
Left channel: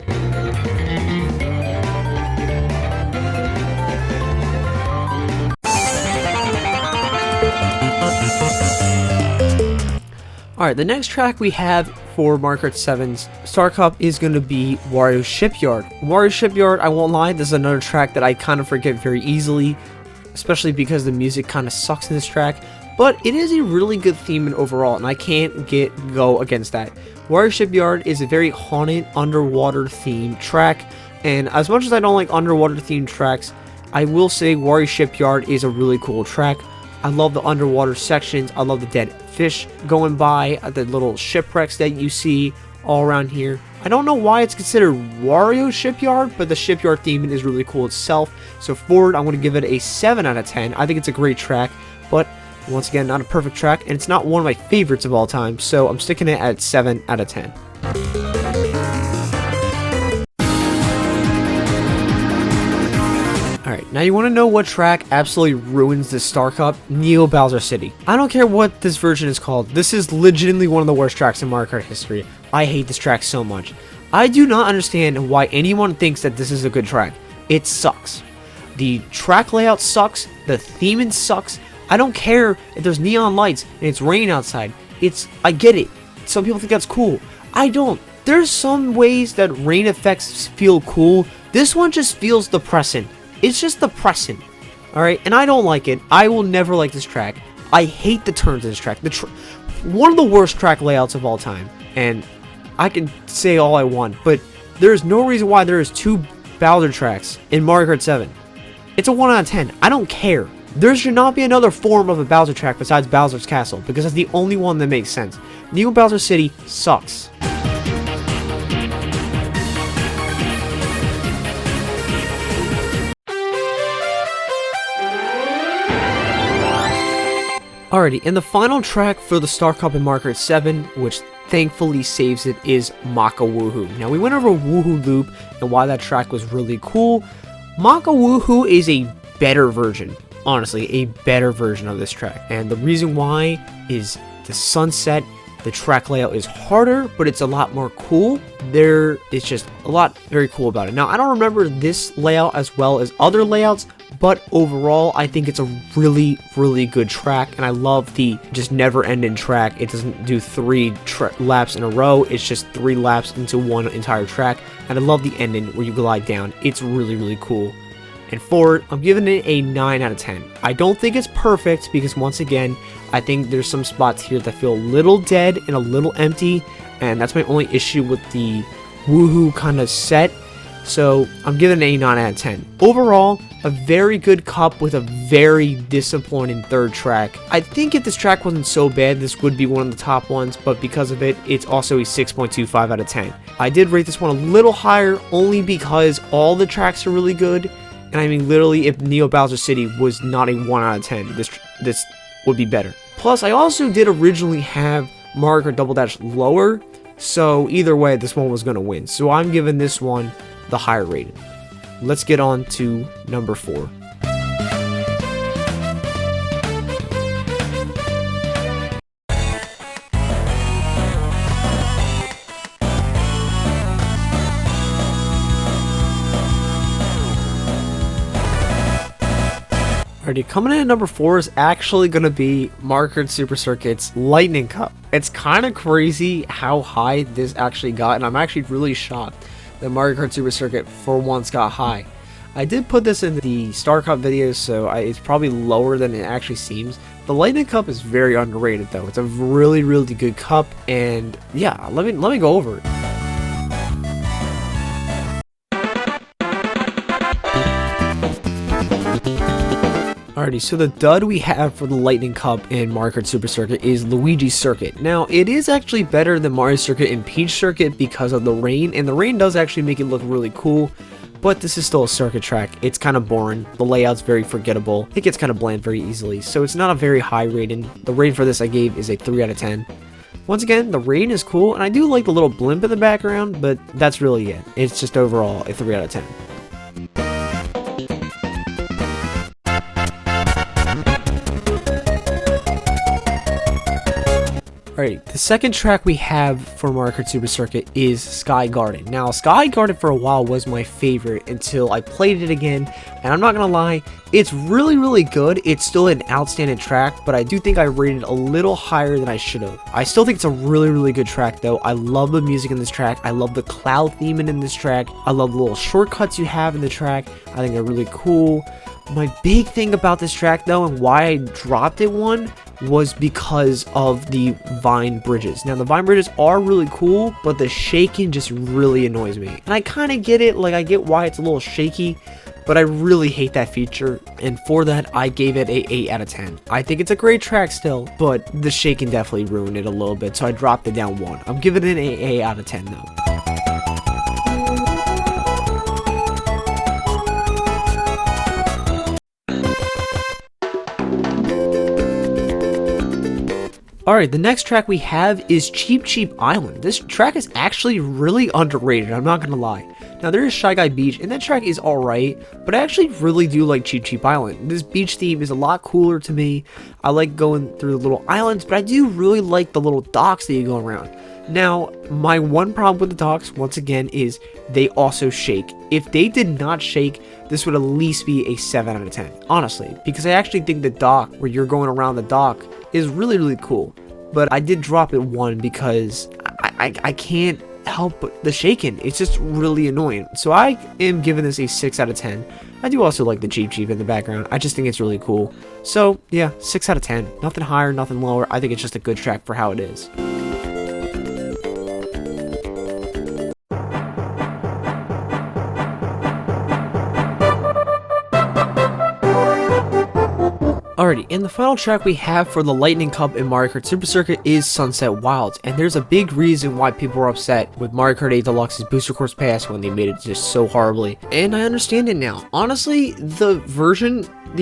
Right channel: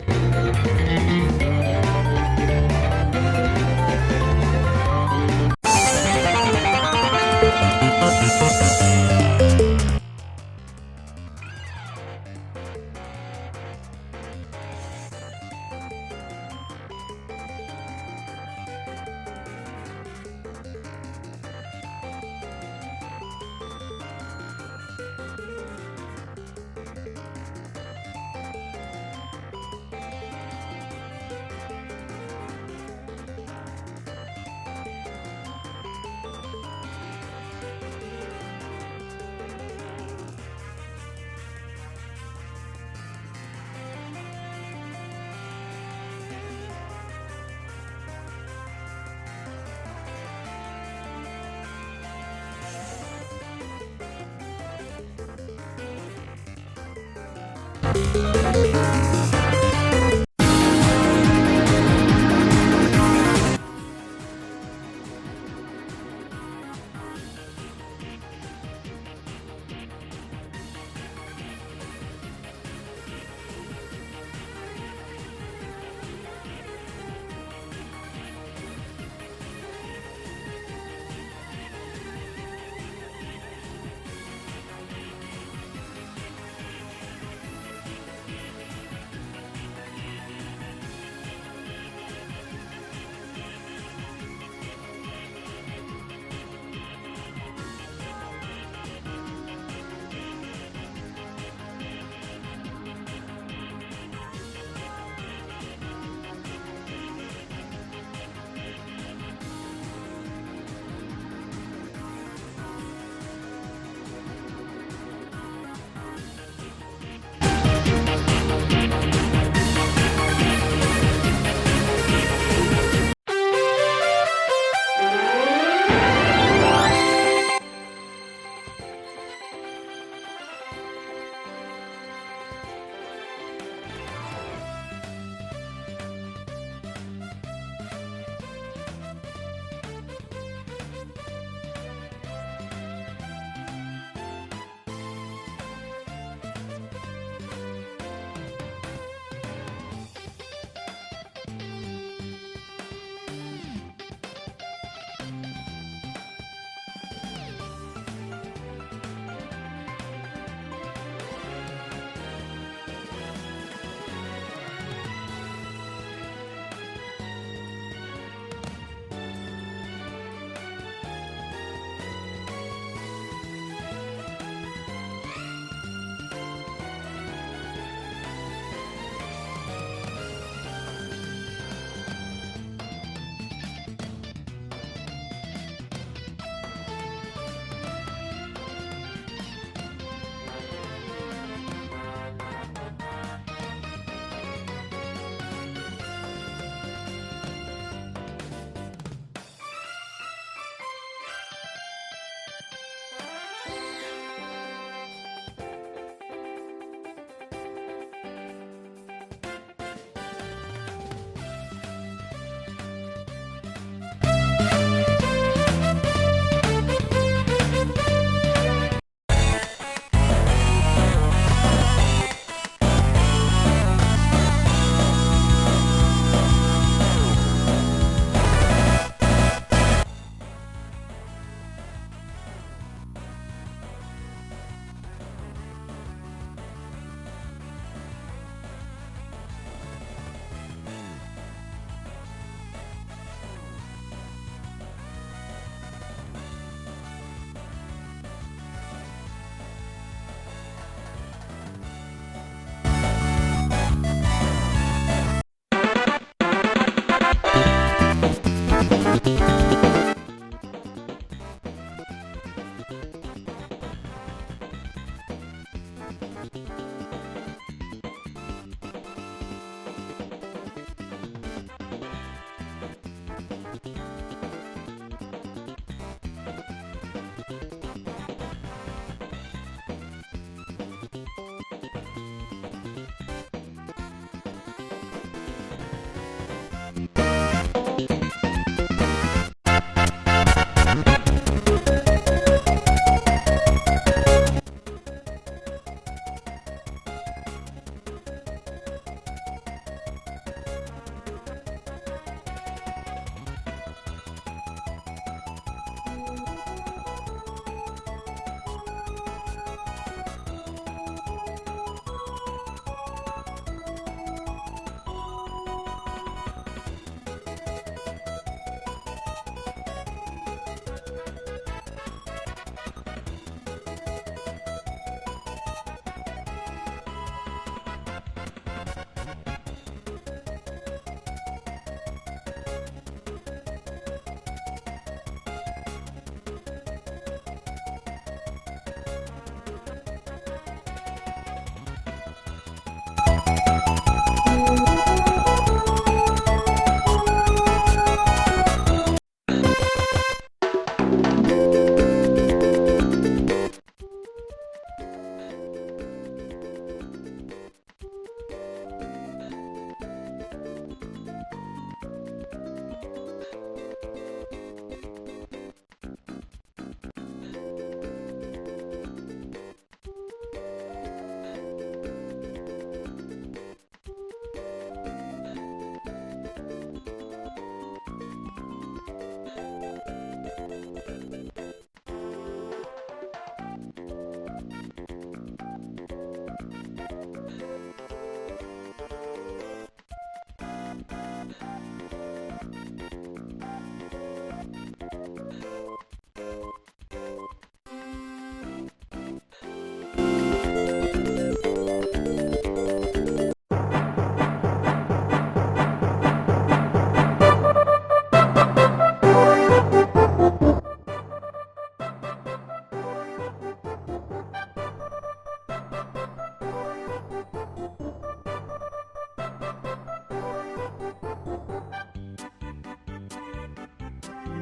Alright, the next track we have for Mario Kart 7's Star Cup is going to be Wario Shipyard. Wario Shipyard, I won't lie, this is another track that I kind of forget very easily, especially because the music kind of sucks in this track, but it is a really good theme and overall, and I can't go against that. Wario Shipyard is a very haunted underwater themed track, and as much as I don't like underwater themed tracks, I will say Wario Shipyard is a really cool track. I love the underwater sections. I love the dead fish going by, the little shipwrecks that you see all around here. I don't know why it's considered Wario Shipyard, but the shipyard theme is really cool itself. So for it, I'm going to give it a 7 out of 10. I think it's a great track, but once again, not a perfect track, and it's not one of my favorites of all time, so I'm sticking it at 7 out of 10. Now you want to know what track absolutely ruins this Star Cup? Neo Bowser City. I don't care what this version is called. This is legitimately one of the worst tracks in Mario Kart history. I hate this track so much. I do not understand why anyone thinks that this is a good track. It sucks. The track layout sucks. The theming sucks. I don't care if there's neon lights and it's raining outside. I get it. Some people think that's cool. I don't. There's some ways that rain effects feel cool. This one just feels depressing. It's just depressing. Alright, and I don't like it. I will never like this track. I hate the turns in this track. One of the worst track layouts of all time. And I can say all I want, but there's no reason why there is 2 Bowser tracks in Mario Kart 7. It's a 1 out of 10. I don't care. There should not be another form of a Bowser track besides Bowser's Castle, because it's the only one that makes sense. New Bowser City sucks. Alrighty, and the final track for the Star Cup in Mario Kart 7, which thankfully saves it, is Maka Woohoo. Now, we went over Woohoo Loop and why that track was really cool. Maka Woohoo is a better version, honestly, a better version of this track. And the reason why is the sunset, the track layout is harder, but it's a lot more cool. There is just a lot very cool about it. Now, I don't remember this layout as well as other layouts, but overall, I think it's a really, really good track, and I love the just never-ending track. It doesn't do 3 laps in a row, it's just 3 laps into one entire track, and I love the ending where you glide down. It's really, really cool. And for it, I'm giving it a 9 out of 10. I don't think it's perfect, because once again, I think there's some spots here that feel a little dead and a little empty, and that's my only issue with the Woohoo kind of set. So I'm giving it a 9 out of 10. Overall, a very good cup with a very disappointing third track. I think if this track wasn't so bad, this would be one of the top ones, but because of it, it's also a 6.25 out of 10. I did rate this one a little higher only because all the tracks are really good. And I mean, literally, if Neo Bowser City was not a 1 out of 10, this would be better. Plus, I also did originally have Mario Kart Double Dash lower, so either way, this one was going to win. So I'm giving this one the higher rating. Let's get on to number 4. Alrighty, coming in at number 4 is actually going to be Mario Kart Super Circuit's Lightning Cup. It's kind of crazy how high this actually got, and I'm actually really shocked that Mario Kart Super Circuit for once got high. I did put this in the Star Cup video, so it's probably lower than it actually seems. The Lightning Cup is very underrated though. It's a really, really good cup, and yeah, let me go over it. Alrighty, so the dud we have for the Lightning Cup in Mario Kart Super Circuit is Luigi's Circuit. Now, it is actually better than Mario Circuit and Peach Circuit because of the rain, and the rain does actually make it look really cool, but this is still a circuit track. It's kind of boring. The layout's very forgettable. It gets kind of bland very easily, so it's not a very high rating. The rating for this I gave is a 3 out of 10. Once again, the rain is cool, and I do like the little blimp in the background, but that's really it. It's just overall a 3 out of 10. Alright, the second track we have for Mario Kart Super Circuit is Sky Garden. Now, Sky Garden for a while was my favorite until I played it again, and I'm not gonna lie, it's really, really good. It's still an outstanding track, but I do think I rated a little higher than I should have. I still think it's a really, really good track, though. I love the music in this track. I love the cloud theming in this track. I love the little shortcuts you have in the track. I think they're really cool. My big thing about this track, though, and why I dropped it one, was because of the vine bridges. Now, the vine bridges are really cool, but the shaking just really annoys me. And I kind of get it, like, I get why it's a little shaky, but I really hate that feature, and for that, I gave it a 8 out of 10. I think it's a great track still, but the shaking definitely ruined it a little bit, so I dropped it down 1. I'm giving it an 8 out of 10, though. Alright, the next track we have is Cheep Cheep Island. This track is actually really underrated, I'm not gonna lie. Now, there is Shy Guy Beach, and that track is alright, but I actually really do like Cheep Cheep Island. This beach theme is a lot cooler to me. I like going through the little islands, but I do really like the little docks that you go around. Now, my one problem with the docks, once again, is they also shake. If they did not shake, this would at least be a 7 out of 10, honestly, because I actually think the dock, where you're going around the dock, is really, really cool. But I did drop it 1 because I can't help the shaking. It's just really annoying. So I am giving this a 6 out of 10. I do also like the Jeep in the background. I just think it's really cool. So yeah, 6 out of 10. Nothing higher, nothing lower. I think it's just a good track for how it is. Alrighty, and the final track we have for the Lightning Cup in Mario Kart Super Circuit is Sunset Wilds, and there's a big reason why people were upset with Mario Kart 8 Deluxe's Booster Course Pass when they made it just so horribly, and I understand it now. Honestly, the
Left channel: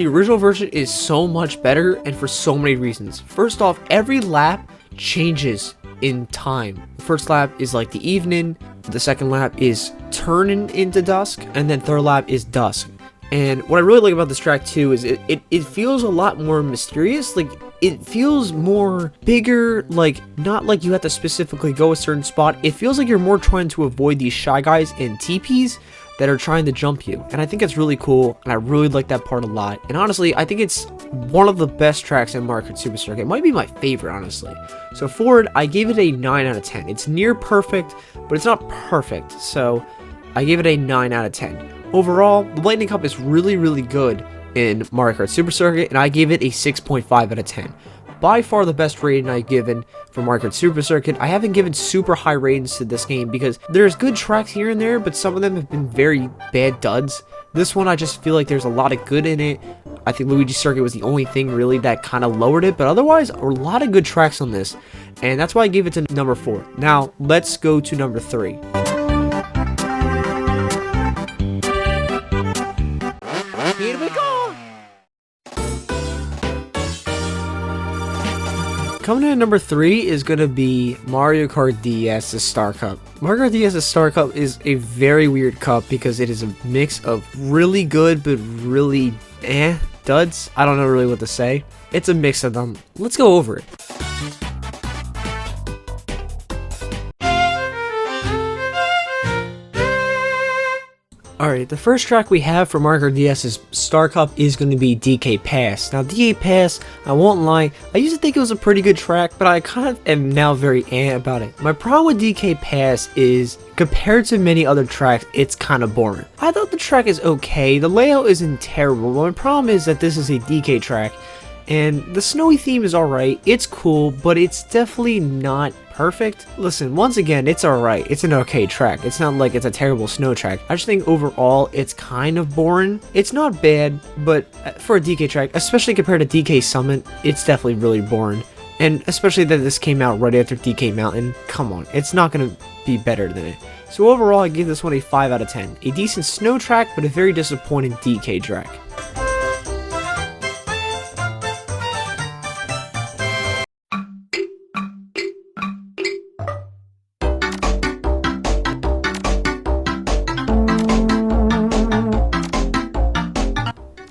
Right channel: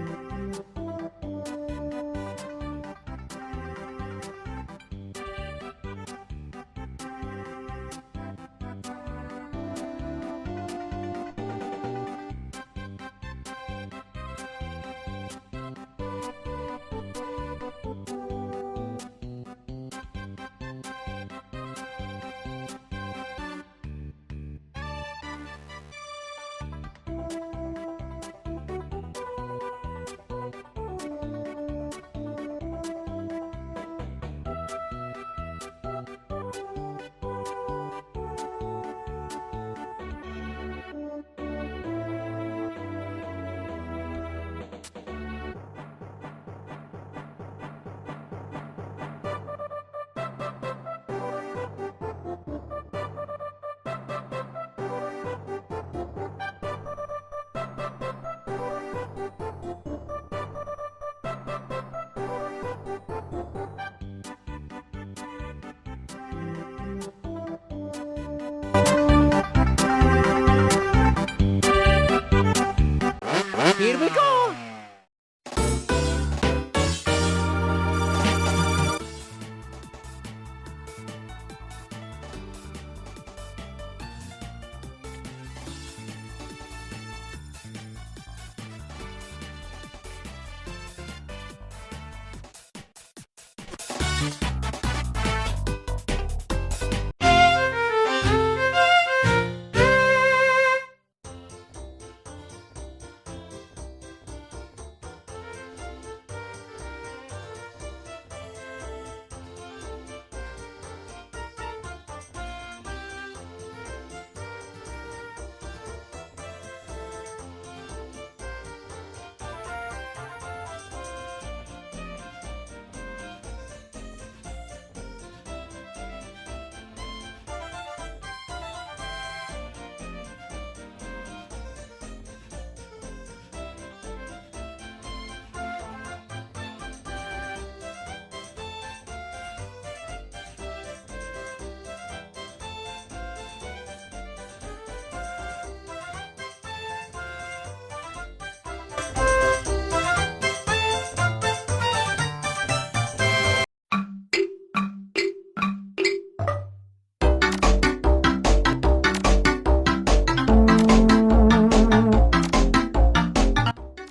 original version is so much better, and for so many reasons. First off, every lap changes in time. First lap is like the evening, the second lap is turning into dusk, and then third lap is dusk. And what I really like about this track too is it feels a lot more mysterious. Like, it feels more bigger, like not like you have to specifically go a certain spot. It feels like you're more trying to avoid these shy guys and teepees that are trying to jump you. And I think it's really cool, and I really like that part a lot. And honestly, I think it's one of the best tracks in Mario Kart Super Circuit. It might be my favorite, honestly. So for it, I gave it a 9 out of 10. It's near perfect, but it's not perfect. So I gave it a 9 out of 10. Overall, the Lightning Cup is really, really good in Mario Kart Super Circuit, and I gave it a 6.5 out of 10. By far the best rating I've given for Mario Kart Super Circuit. I haven't given super high ratings to this game because there's good tracks here and there, but some of them have been very bad duds. This one, I just feel like there's a lot of good in it. I think Luigi Circuit was the only thing really that kind of lowered it, but otherwise, a lot of good tracks on this, and that's why I gave it to number 4. Now, let's go to number 3. Here we go! Coming in at number 3 is going to be Mario Kart DS's Star Cup. Mario Kart DS's Star Cup is a very weird cup because it is a mix of really good but really duds. I don't know really what to say. It's a mix of them. Let's go over it. Alright, the first track we have for Mario Kart DS's Star Cup is going to be DK Pass. Now, DK Pass, I won't lie, I used to think it was a pretty good track, but I kind of am now very about it. My problem with DK Pass is, compared to many other tracks, it's kind of boring. I thought the track is okay, the layout isn't terrible, but my problem is that this is a DK track, and the snowy theme is alright, it's cool, but it's definitely not perfect. Listen, once again, it's alright, it's an okay track, it's not like it's a terrible snow track. I just think overall, it's kind of boring. It's not bad, but for a DK track, especially compared to DK Summit, it's definitely really boring. And especially that this came out right after DK Mountain, come on, it's not going to be better than it. So overall, I give this one a 5 out of 10. A decent snow track, but a very disappointing DK track.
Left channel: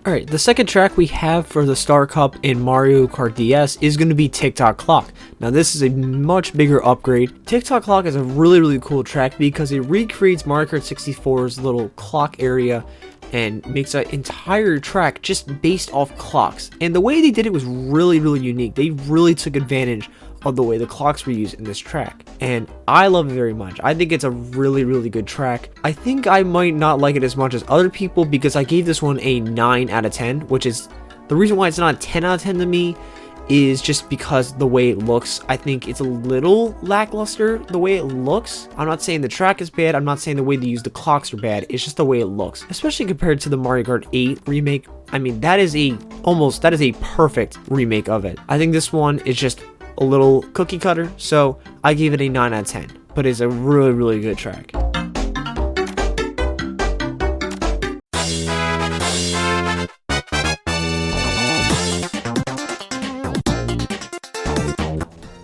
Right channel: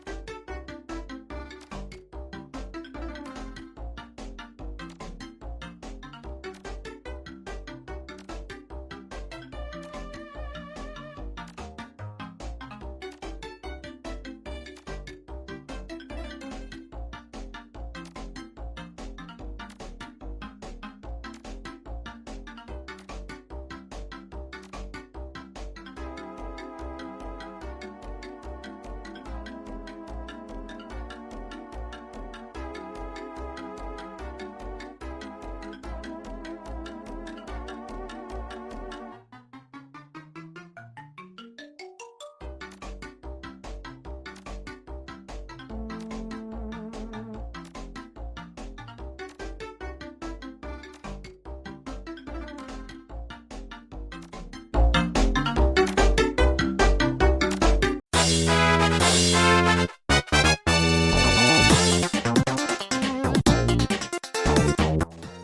Alright, the second track we have for the Star Cup in Mario Kart DS is going to be Tick-Tock Clock. Now, this is a much bigger upgrade. Tick-Tock Clock is a really, really cool track because it recreates Mario Kart 64's little clock area and makes an entire track just based off clocks. And the way they did it was really, really unique. They really took advantage of the way the clocks were used in this track, and I love it very much. I think it's a really, really good track. I think I might not like it as much as other people because I gave this one a 9 out of 10, which is the reason why it's not a 10 out of 10 to me is just because the way it looks. I think it's a little lackluster the way it looks. I'm not saying the track is bad, I'm not saying the way they use the clocks are bad, it's just the way it looks, especially compared to the Mario Kart 8 remake. I mean, that is a perfect remake of it. I think this one is just a little cookie cutter, so I gave it a 9 out of 10, but it's a really, really good track.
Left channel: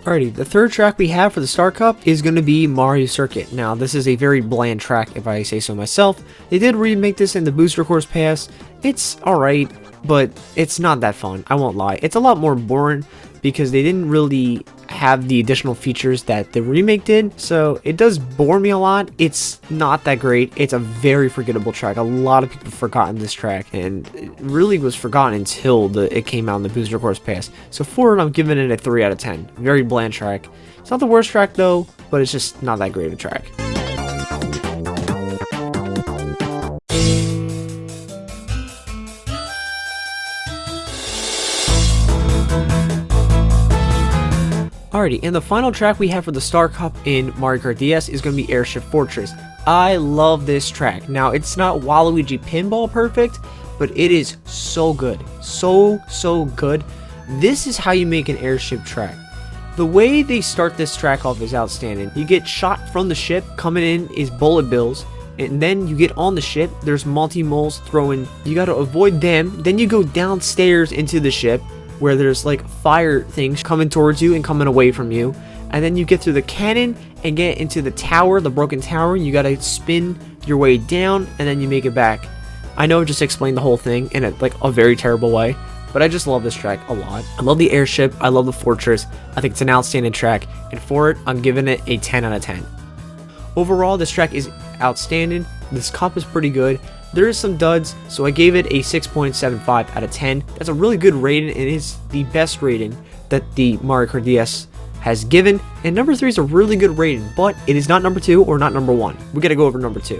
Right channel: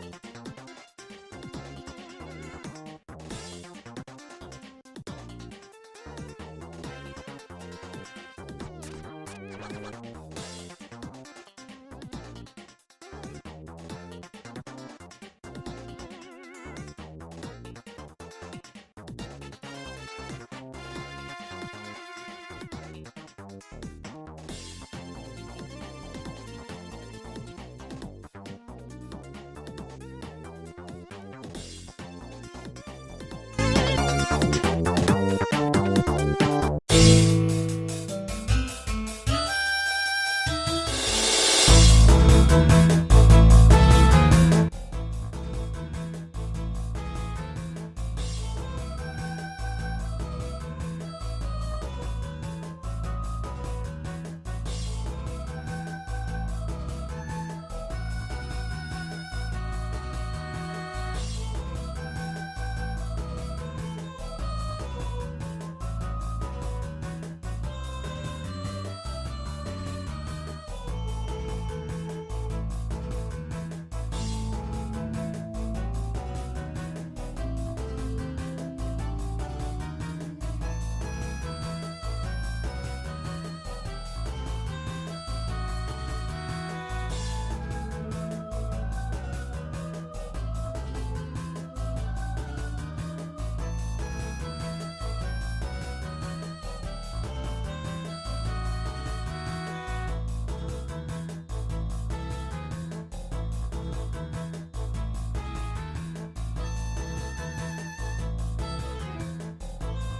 Alrighty, the third track we have for the Star Cup is going to be Mario Circuit. Now, this is a very bland track, if I say so myself. They did remake this in the Booster Course Pass. It's alright, but it's not that fun, I won't lie. It's a lot more boring because they didn't really have the additional features that the remake did, so it does bore me a lot. It's not that great. It's a very forgettable track. A lot of people have forgotten this track, and it really was forgotten until it came out in the Booster Course Pass. So for it, I'm giving it a 3 out of 10. Very bland track. It's not the worst track though, but it's just not that great of a track. Alrighty, and the final track we have for the Star Cup in Mario Kart DS is going to be Airship Fortress. I love this track. Now, it's not Waluigi Pinball perfect, but it is so good. So good. This is how you make an airship track. The way they start this track off is outstanding. You get shot from the ship, coming in is bullet bills, and then you get on the ship, there's multi-moles throwing, you gotta avoid them, then you go downstairs into the ship, where there's like fire things coming towards you and coming away from you, and then you get through the cannon and get into the tower, the broken tower, and you gotta spin your way down, and then you make it back. I know I just explained the whole thing in a very terrible way, but I just love this track a lot. I love the airship, I love the fortress, I think it's an outstanding track, and for it, I'm giving it a 10 out of 10. Overall, this track is outstanding, this cup is pretty good, there is some duds, so I gave it a 6.75 out of 10. That's a really good rating, and it is the best rating that the Mario Kart DS has given, and number 3 is a really good rating, but it is not number 2 or not number 1. We gotta go over number 2.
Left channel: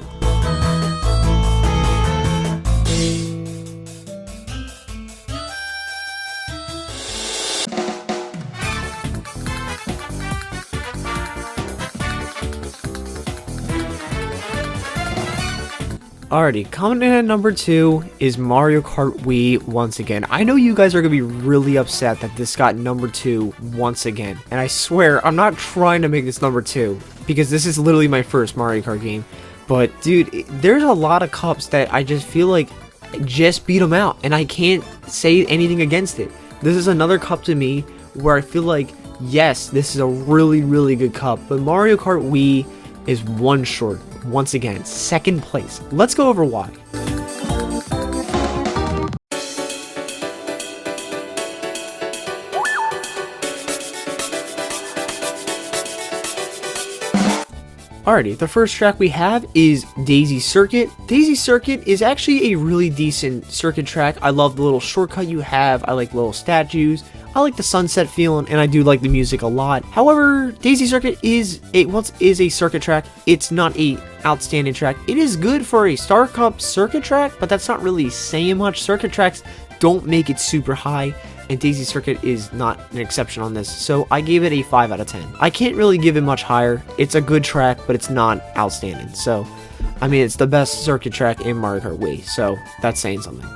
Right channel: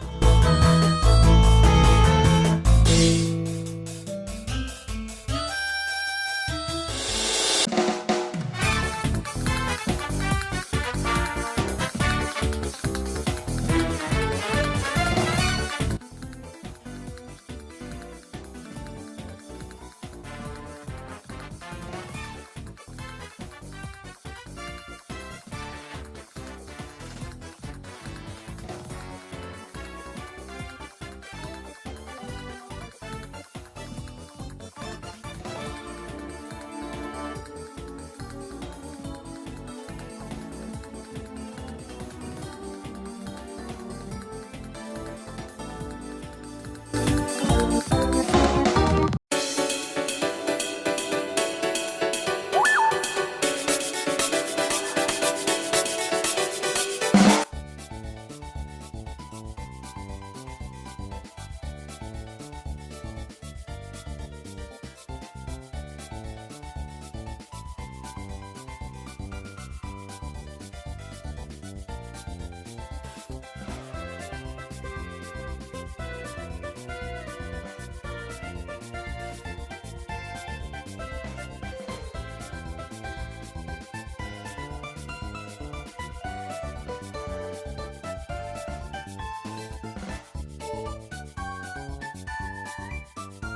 Alrighty, coming in at number 2 is Mario Kart Wii once again. I know you guys are going to be really upset that this got number 2 once again. And I swear, I'm not trying to make this number 2, because this is literally my first Mario Kart game. But dude, there's a lot of cups that I just feel like just beat them out, and I can't say anything against it. This is another cup to me where I feel like, yes, this is a really good cup, but Mario Kart Wii is one short. Once again, 2nd place. Let's go over why. Alrighty, the first track we have is Daisy Circuit. Daisy Circuit is actually a really decent circuit track. I love the little shortcut you have. I like little statues. I like the sunset feeling, and I do like the music a lot. However, Daisy Circuit is a circuit track. It's not a outstanding track. It is good for a Star Cup circuit track, but that's not really saying much. Circuit tracks don't make it super high, and Daisy Circuit is not an exception on this, so I gave it a 5 out of 10. I can't really give it much higher. It's a good track, but it's not outstanding. So, I mean, it's the best circuit track in Mario Kart Wii, so that's saying something.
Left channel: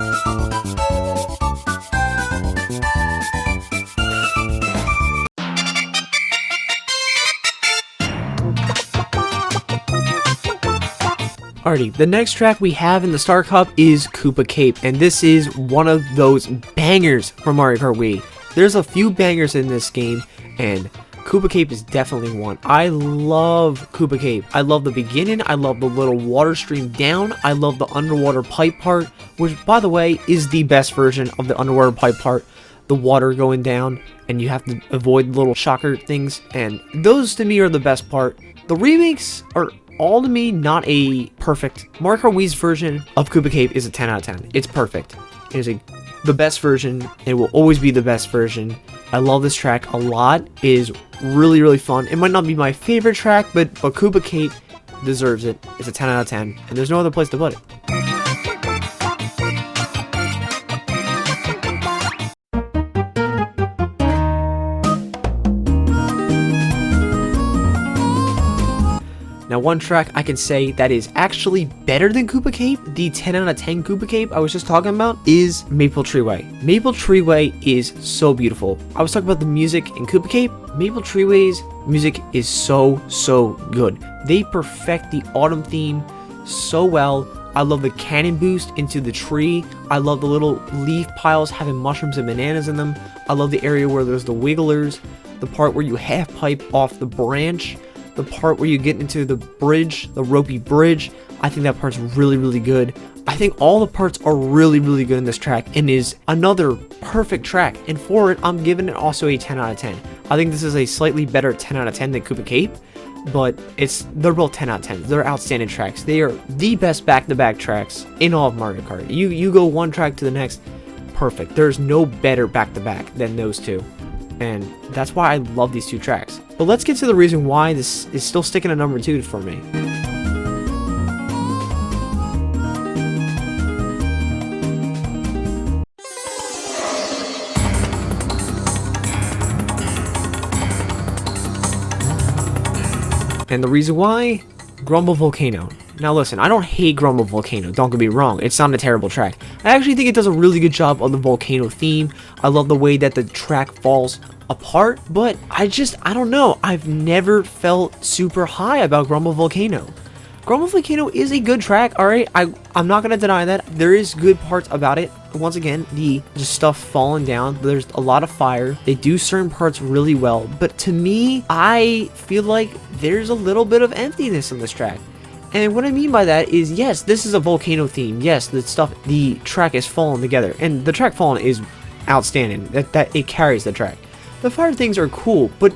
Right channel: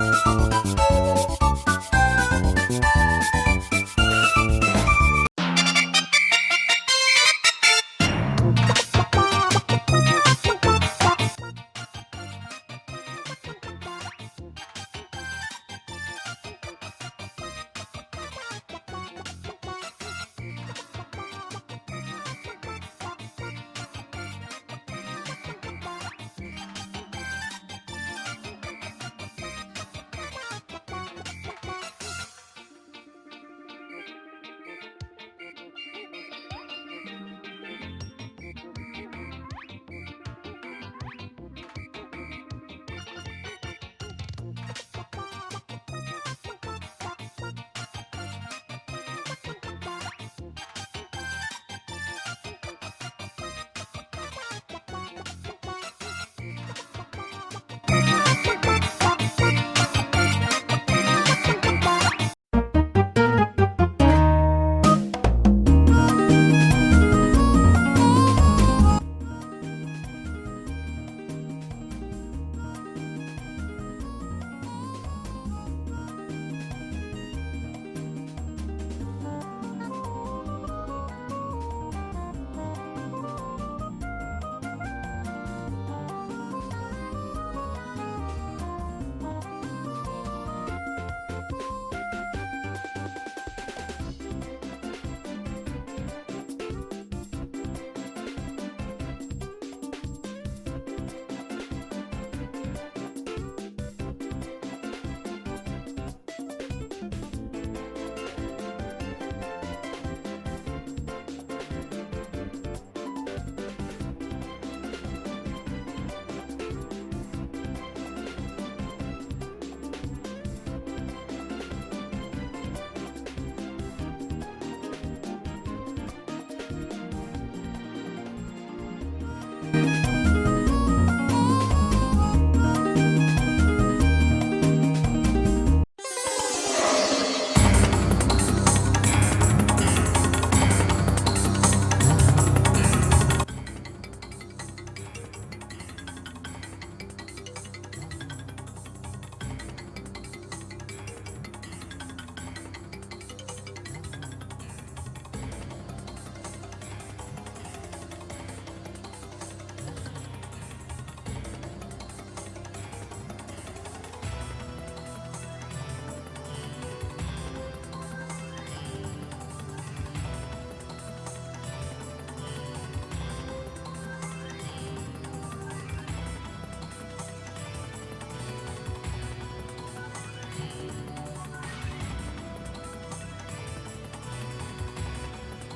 Alrighty, the next track we have in the Star Cup is Koopa Cape, and this is one of those bangers from Mario Kart Wii. There's a few bangers in this game, and Koopa Cape is definitely one. I love Koopa Cape. I love the beginning, I love the little water stream down, I love the underwater pipe part, which, by the way, is the best version of the underwater pipe part. The water going down, and you have to avoid little shocker things, and those to me are the best part. The remakes are all to me not a perfect. Mario Kart Wii's version of Koopa Cape is a 10 out of 10. It's perfect. It is the best version. It will always be the best version. I love this track a lot. It is really fun. It might not be my favorite track, but Koopa Cape deserves it. It's a 10 out of 10, and there's no other place to put it. Now, one track I can say that is actually better than Koopa Cape, the 10 out of 10 Koopa Cape I was just talking about, is Maple Tree Way. Maple Tree Way is so beautiful. I was talking about the music in Koopa Cape. Maple Tree Way's music is so good. They perfect the autumn theme so well. I love the cannon boost into the tree. I love the little leaf piles having mushrooms and bananas in them. I love the area where there's the wigglers, the part where you half pipe off the branch, the part where you get into the bridge, the ropey bridge. I think that part's really good. I think all the parts are really good in this track, and is another perfect track, and for it, I'm giving it also a 10 out of 10. I think this is a slightly better 10 out of 10 than Koopa Cape, but they're both 10 out of 10. They're outstanding tracks. They are the best back-to-back tracks in all of Mario Kart. You go one track to the next, perfect. There's no better back-to-back than those two, and that's why I love these two tracks. But let's get to the reason why this is still sticking at number 2 for me. And the reason why? Grumble Volcano. Now listen, I don't hate Grumble Volcano, don't get me wrong, it's not a terrible track. I actually think it does a really good job on the volcano theme. I love the way that the track falls apart, but I don't know, I've never felt super high about Grumble Volcano. Grumble Volcano is a good track, alright, I'm not gonna deny that. There is good parts about it. Once again, the just stuff falling down, there's a lot of fire. They do certain parts really well, but to me, I feel like there's a little bit of emptiness in this track. And what I mean by that is, yes, this is a volcano theme. Yes, the track is falling together, and the track falling is outstanding. That it carries the track. The fire things are cool, but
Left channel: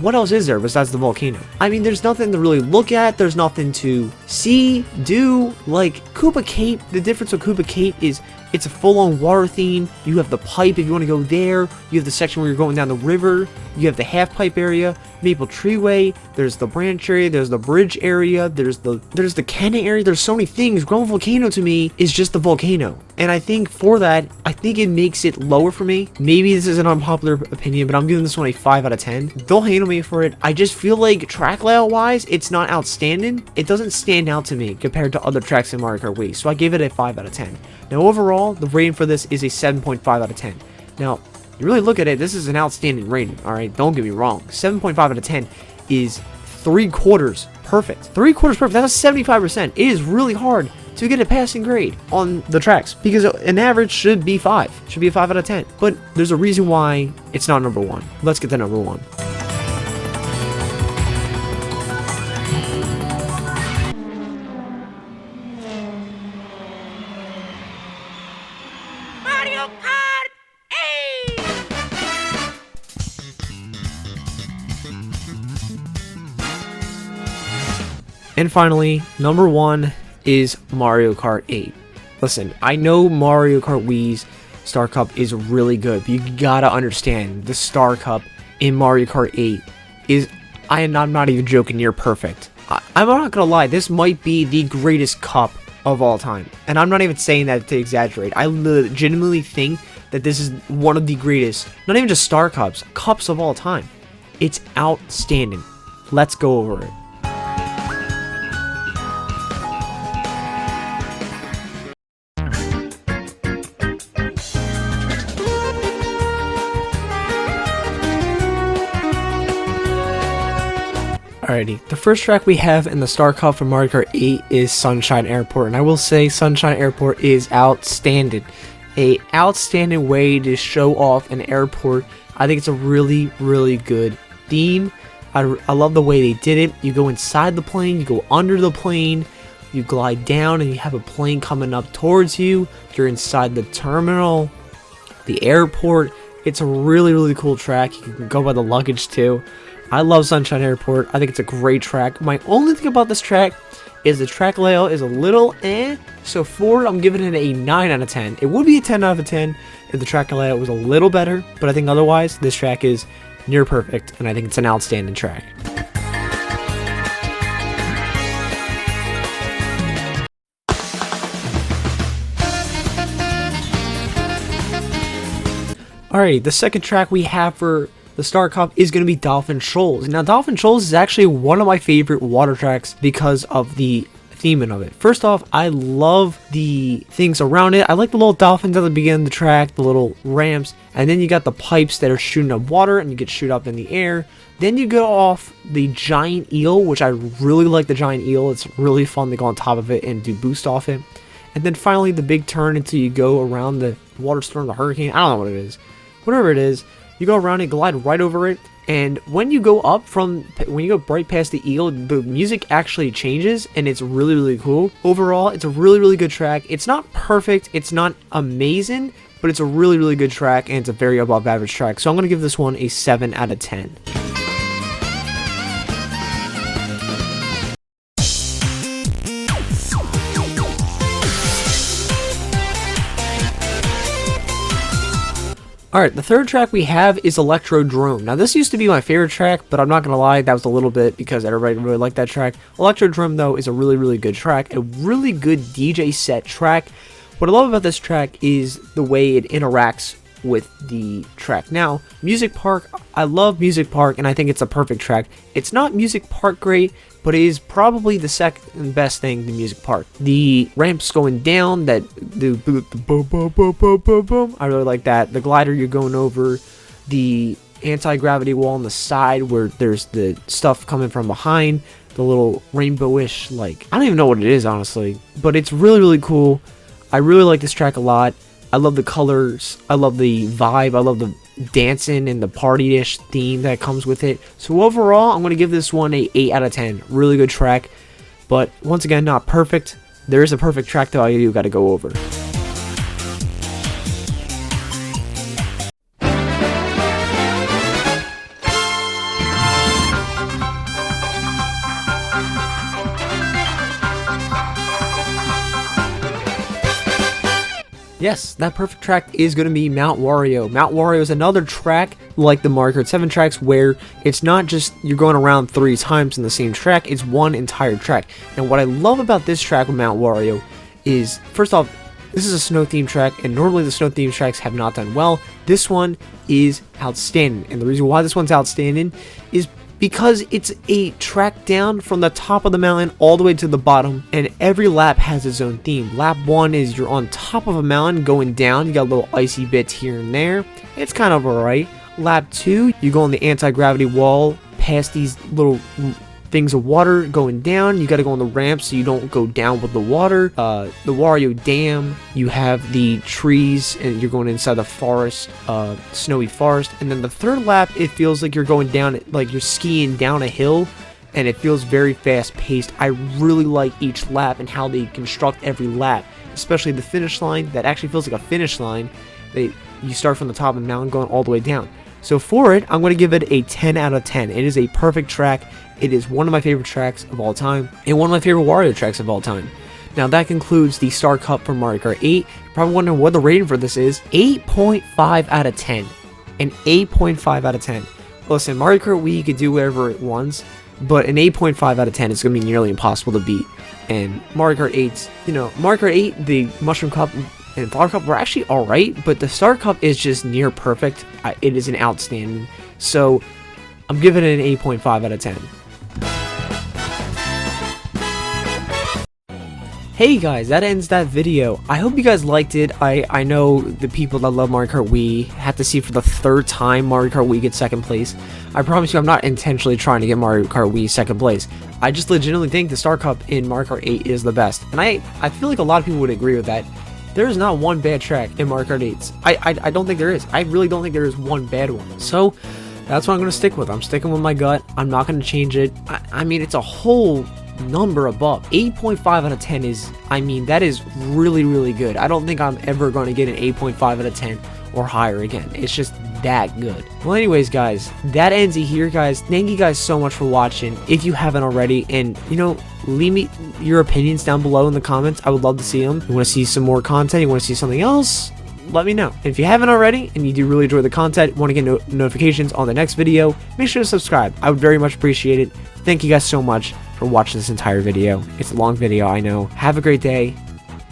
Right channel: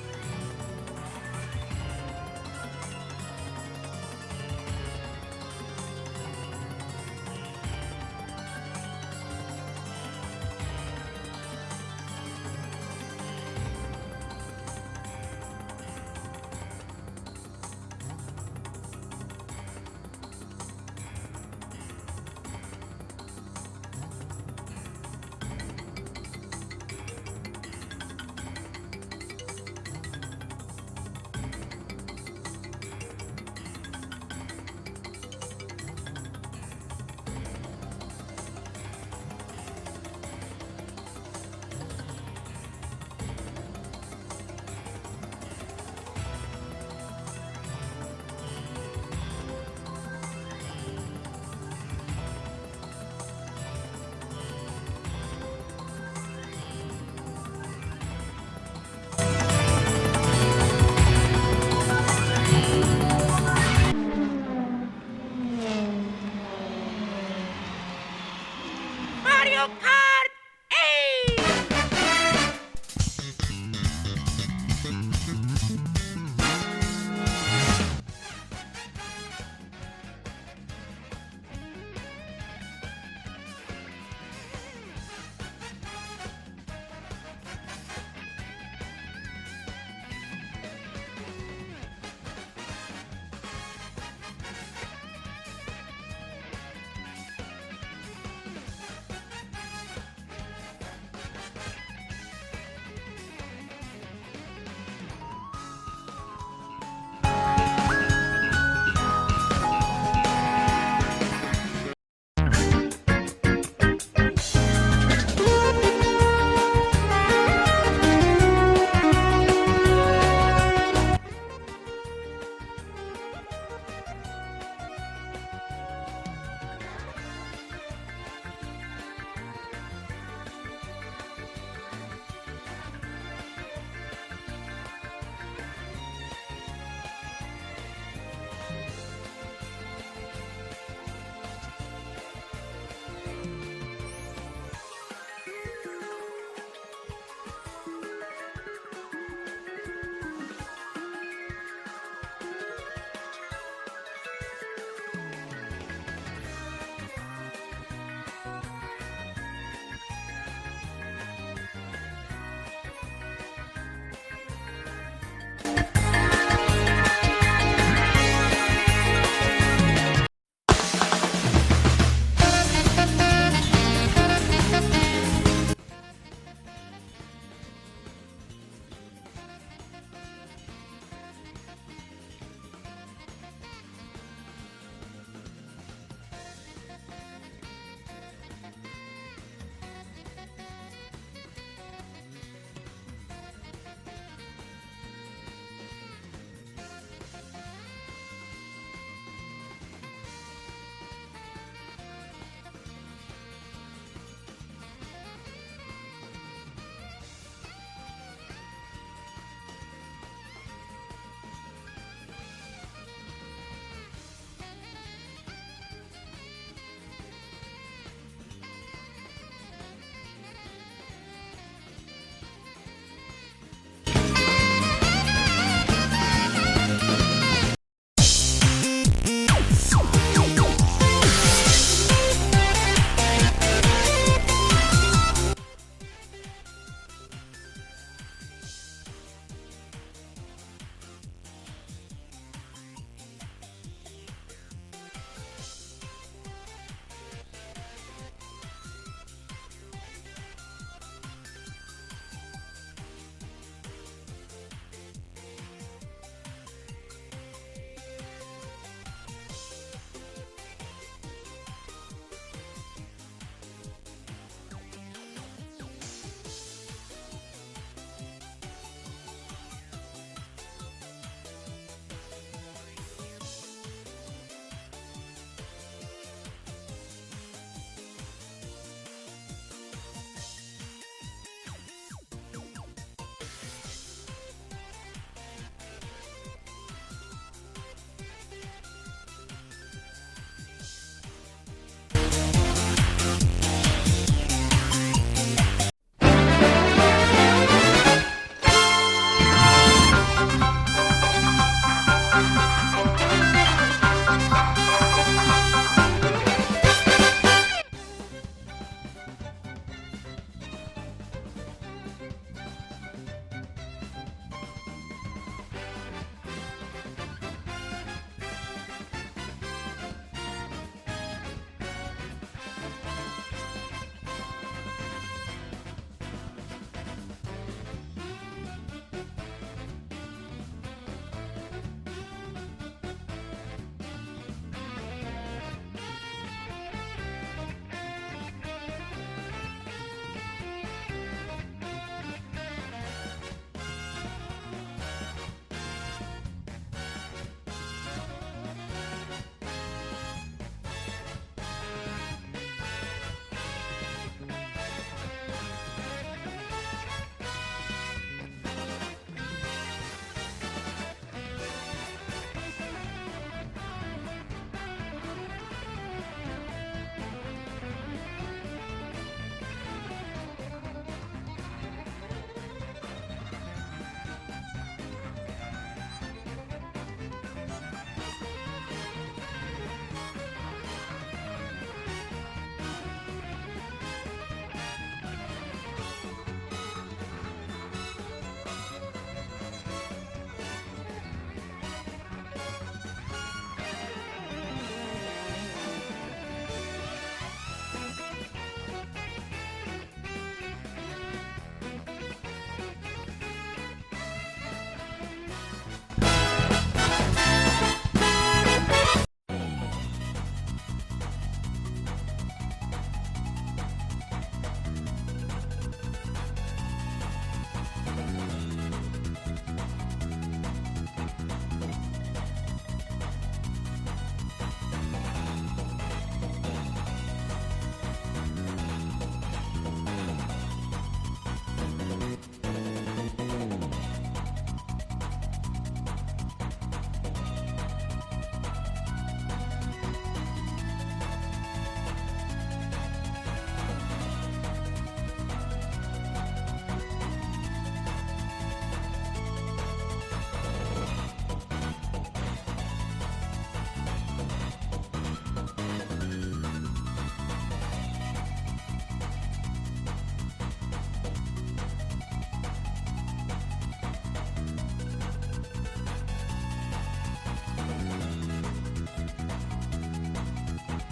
what else is there besides the volcano? I mean, there's nothing to really look at. There's nothing to see, do. Like Koopa Cape, the difference with Koopa Cape is it's a full-on water theme. You have the pipe if you want to go there. You have the section where you're going down the river. You have the half-pipe area, Maple Treeway. There's the branch area. There's the bridge area. There's the cannon area. There's so many things. Grumble Volcano to me is just the volcano. And I think for that, I think it makes it lower for me. Maybe this is an unpopular opinion, but I'm giving this one a 5 out of 10. Don't hate on me for it. I just feel like track layout-wise, it's not outstanding. It doesn't stand out to me compared to other tracks in Mario Kart Wii. So I gave it a 5 out of 10. Now overall, the rating for this is a 7.5 out of 10. Now, you really look at it, this is an outstanding rating, alright? Don't get me wrong. 7.5 out of 10 is 3/4 perfect. 3/4 perfect, that's a 75%. It is really hard to get a passing grade on the tracks, because an average should be 5. Should be a 5 out of 10. But there's a reason why it's not number 1. Let's get to number 1. Mario Kart 8! And finally, number 1 is Mario Kart 8. Listen, I know Mario Kart Wii's Star Cup is really good, but you gotta understand, the Star Cup in Mario Kart 8 is, I'm not even joking, near perfect. I'm not gonna lie, this might be the greatest cup of all time. And I'm not even saying that to exaggerate. I legitimately think that this is one of the greatest, not even just Star Cups, cups of all time. It's outstanding. Let's go over it. Alrighty, the first track we have in the Star Cup for Mario Kart 8 is Sunshine Airport, and I will say Sunshine Airport is outstanding. A outstanding way to show off an airport. I think it's a really, really good theme. I love the way they did it. You go inside the plane, you go under the plane, you glide down, and you have a plane coming up towards you. You're inside the terminal, the airport. It's a really, really cool track. You can go by the luggage too. I love Sunshine Airport. I think it's a great track. My only thing about this track is the track layout is a little so for it, I'm giving it a 9 out of 10. It would be a 10 out of 10 if the track layout was a little better, but I think otherwise, this track is near perfect, and I think it's an outstanding track. Alright, the second track we have for the Star Cup is going to be Dolphin Shoals. Now, Dolphin Shoals is actually one of my favorite water tracks because of the theming of it. First off, I love the things around it. I like the little dolphins at the beginning of the track, the little ramps, and then you got the pipes that are shooting up water and you get shoot up in the air. Then you go off the giant eel, which I really like the giant eel. It's really fun to go on top of it and do boost off it. And then finally the big turn until you go around the water storm, the hurricane. I don't know what it is. Whatever it is. You go around and glide right over it, and when you go right past the eel, the music actually changes, and it's really, really cool. Overall, it's a really, really good track. It's not perfect, it's not amazing, but it's a really, really good track, and it's a very above average track. So I'm going to give this one a 7 out of 10. Alright, the third track we have is Electrodrome. Now, this used to be my favorite track, but I'm not going to lie, that was a little bit because everybody really liked that track. Electrodrome, though, is a really, really good track, a really good DJ set track. What I love about this track is the way it interacts with the track. Now, Music Park, I love Music Park, and I think it's a perfect track. It's not Music Park great, but it is probably the second best thing in the music part. The ramps going down, that the boom, boom, boom, boom, boom, boom. I really like that. The glider you're going over, the anti-gravity wall on the side where there's the stuff coming from behind, the little rainbowish, like, I don't even know what it is, honestly, but it's really, really cool. I really like this track a lot. I love the colors, I love the vibe, I love the dancing and the party-ish theme that comes with it. So overall, I'm going to give this one a 8 out of 10. Really good track, but once again, not perfect. There is a perfect track though I do got to go over. Yes, that perfect track is going to be Mount Wario. Mount Wario is another track like the Mario Kart 7 tracks where it's not just you're going around 3 times in the same track, it's one entire track. And what I love about this track with Mount Wario is, first off, this is a snow themed track, and normally the snow themed tracks have not done well. This one is outstanding, and the reason why this one's outstanding is because it's a track down from the top of the mountain all the way to the bottom, and every lap has its own theme. Lap 1 is you're on top of a mountain going down, you got little icy bits here and there, it's kind of alright. Lap 2, you go on the anti-gravity wall past these little things of water going down, you gotta go on the ramp so you don't go down with the water. The Wario Dam, you have the trees and you're going inside the forest, snowy forest. And then the third lap, it feels like you're going down, like you're skiing down a hill, and it feels very fast paced. I really like each lap and how they construct every lap, especially the finish line. That actually feels like a finish line. You start from the top of the mountain going all the way down. So for it, I'm going to give it a 10 out of 10. It is a perfect track. It is one of my favorite tracks of all time, and one of my favorite Wario tracks of all time. Now that concludes the Star Cup for Mario Kart 8. Probably wondering what the rating for this is. 8.5 out of 10. An 8.5 out of 10. Listen, Mario Kart Wii could do whatever it wants, but an 8.5 out of 10 is going to be nearly impossible to beat. And Mario Kart 8's, Mario Kart 8, the Mushroom Cup and Flower Cup were actually alright, but the Star Cup is just near perfect. It is an outstanding. So I'm giving it an 8.5 out of 10. Hey guys, that ends that video. I hope you guys liked it. I know the people that love Mario Kart Wii have to see for the 3rd time Mario Kart Wii gets 2nd place. I promise you I'm not intentionally trying to get Mario Kart Wii 2nd place. I just legitimately think the Star Cup in Mario Kart 8 is the best. And I feel like a lot of people would agree with that. There is not one bad track in Mario Kart 8. I don't think there is. I really don't think there is one bad one. So that's what I'm going to stick with. I'm sticking with my gut. I'm not going to change it. I mean, it's a whole number above. 8.5 out of 10 is, that is really, really good. I don't think I'm ever going to get an 8.5 out of 10 or higher again. It's just that good. Well, anyways, guys, that ends it here, guys. Thank you guys so much for watching. If you haven't already, and leave me your opinions down below in the comments. I would love to see them. You want to see some more content? You want to see something else? Let me know. If you haven't already and you do really enjoy the content, want to get notifications on the next video, make sure to subscribe. I would very much appreciate it. Thank you guys so much for watching this entire video. It's a long video, I know. Have a great day,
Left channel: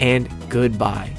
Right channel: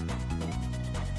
and goodbye.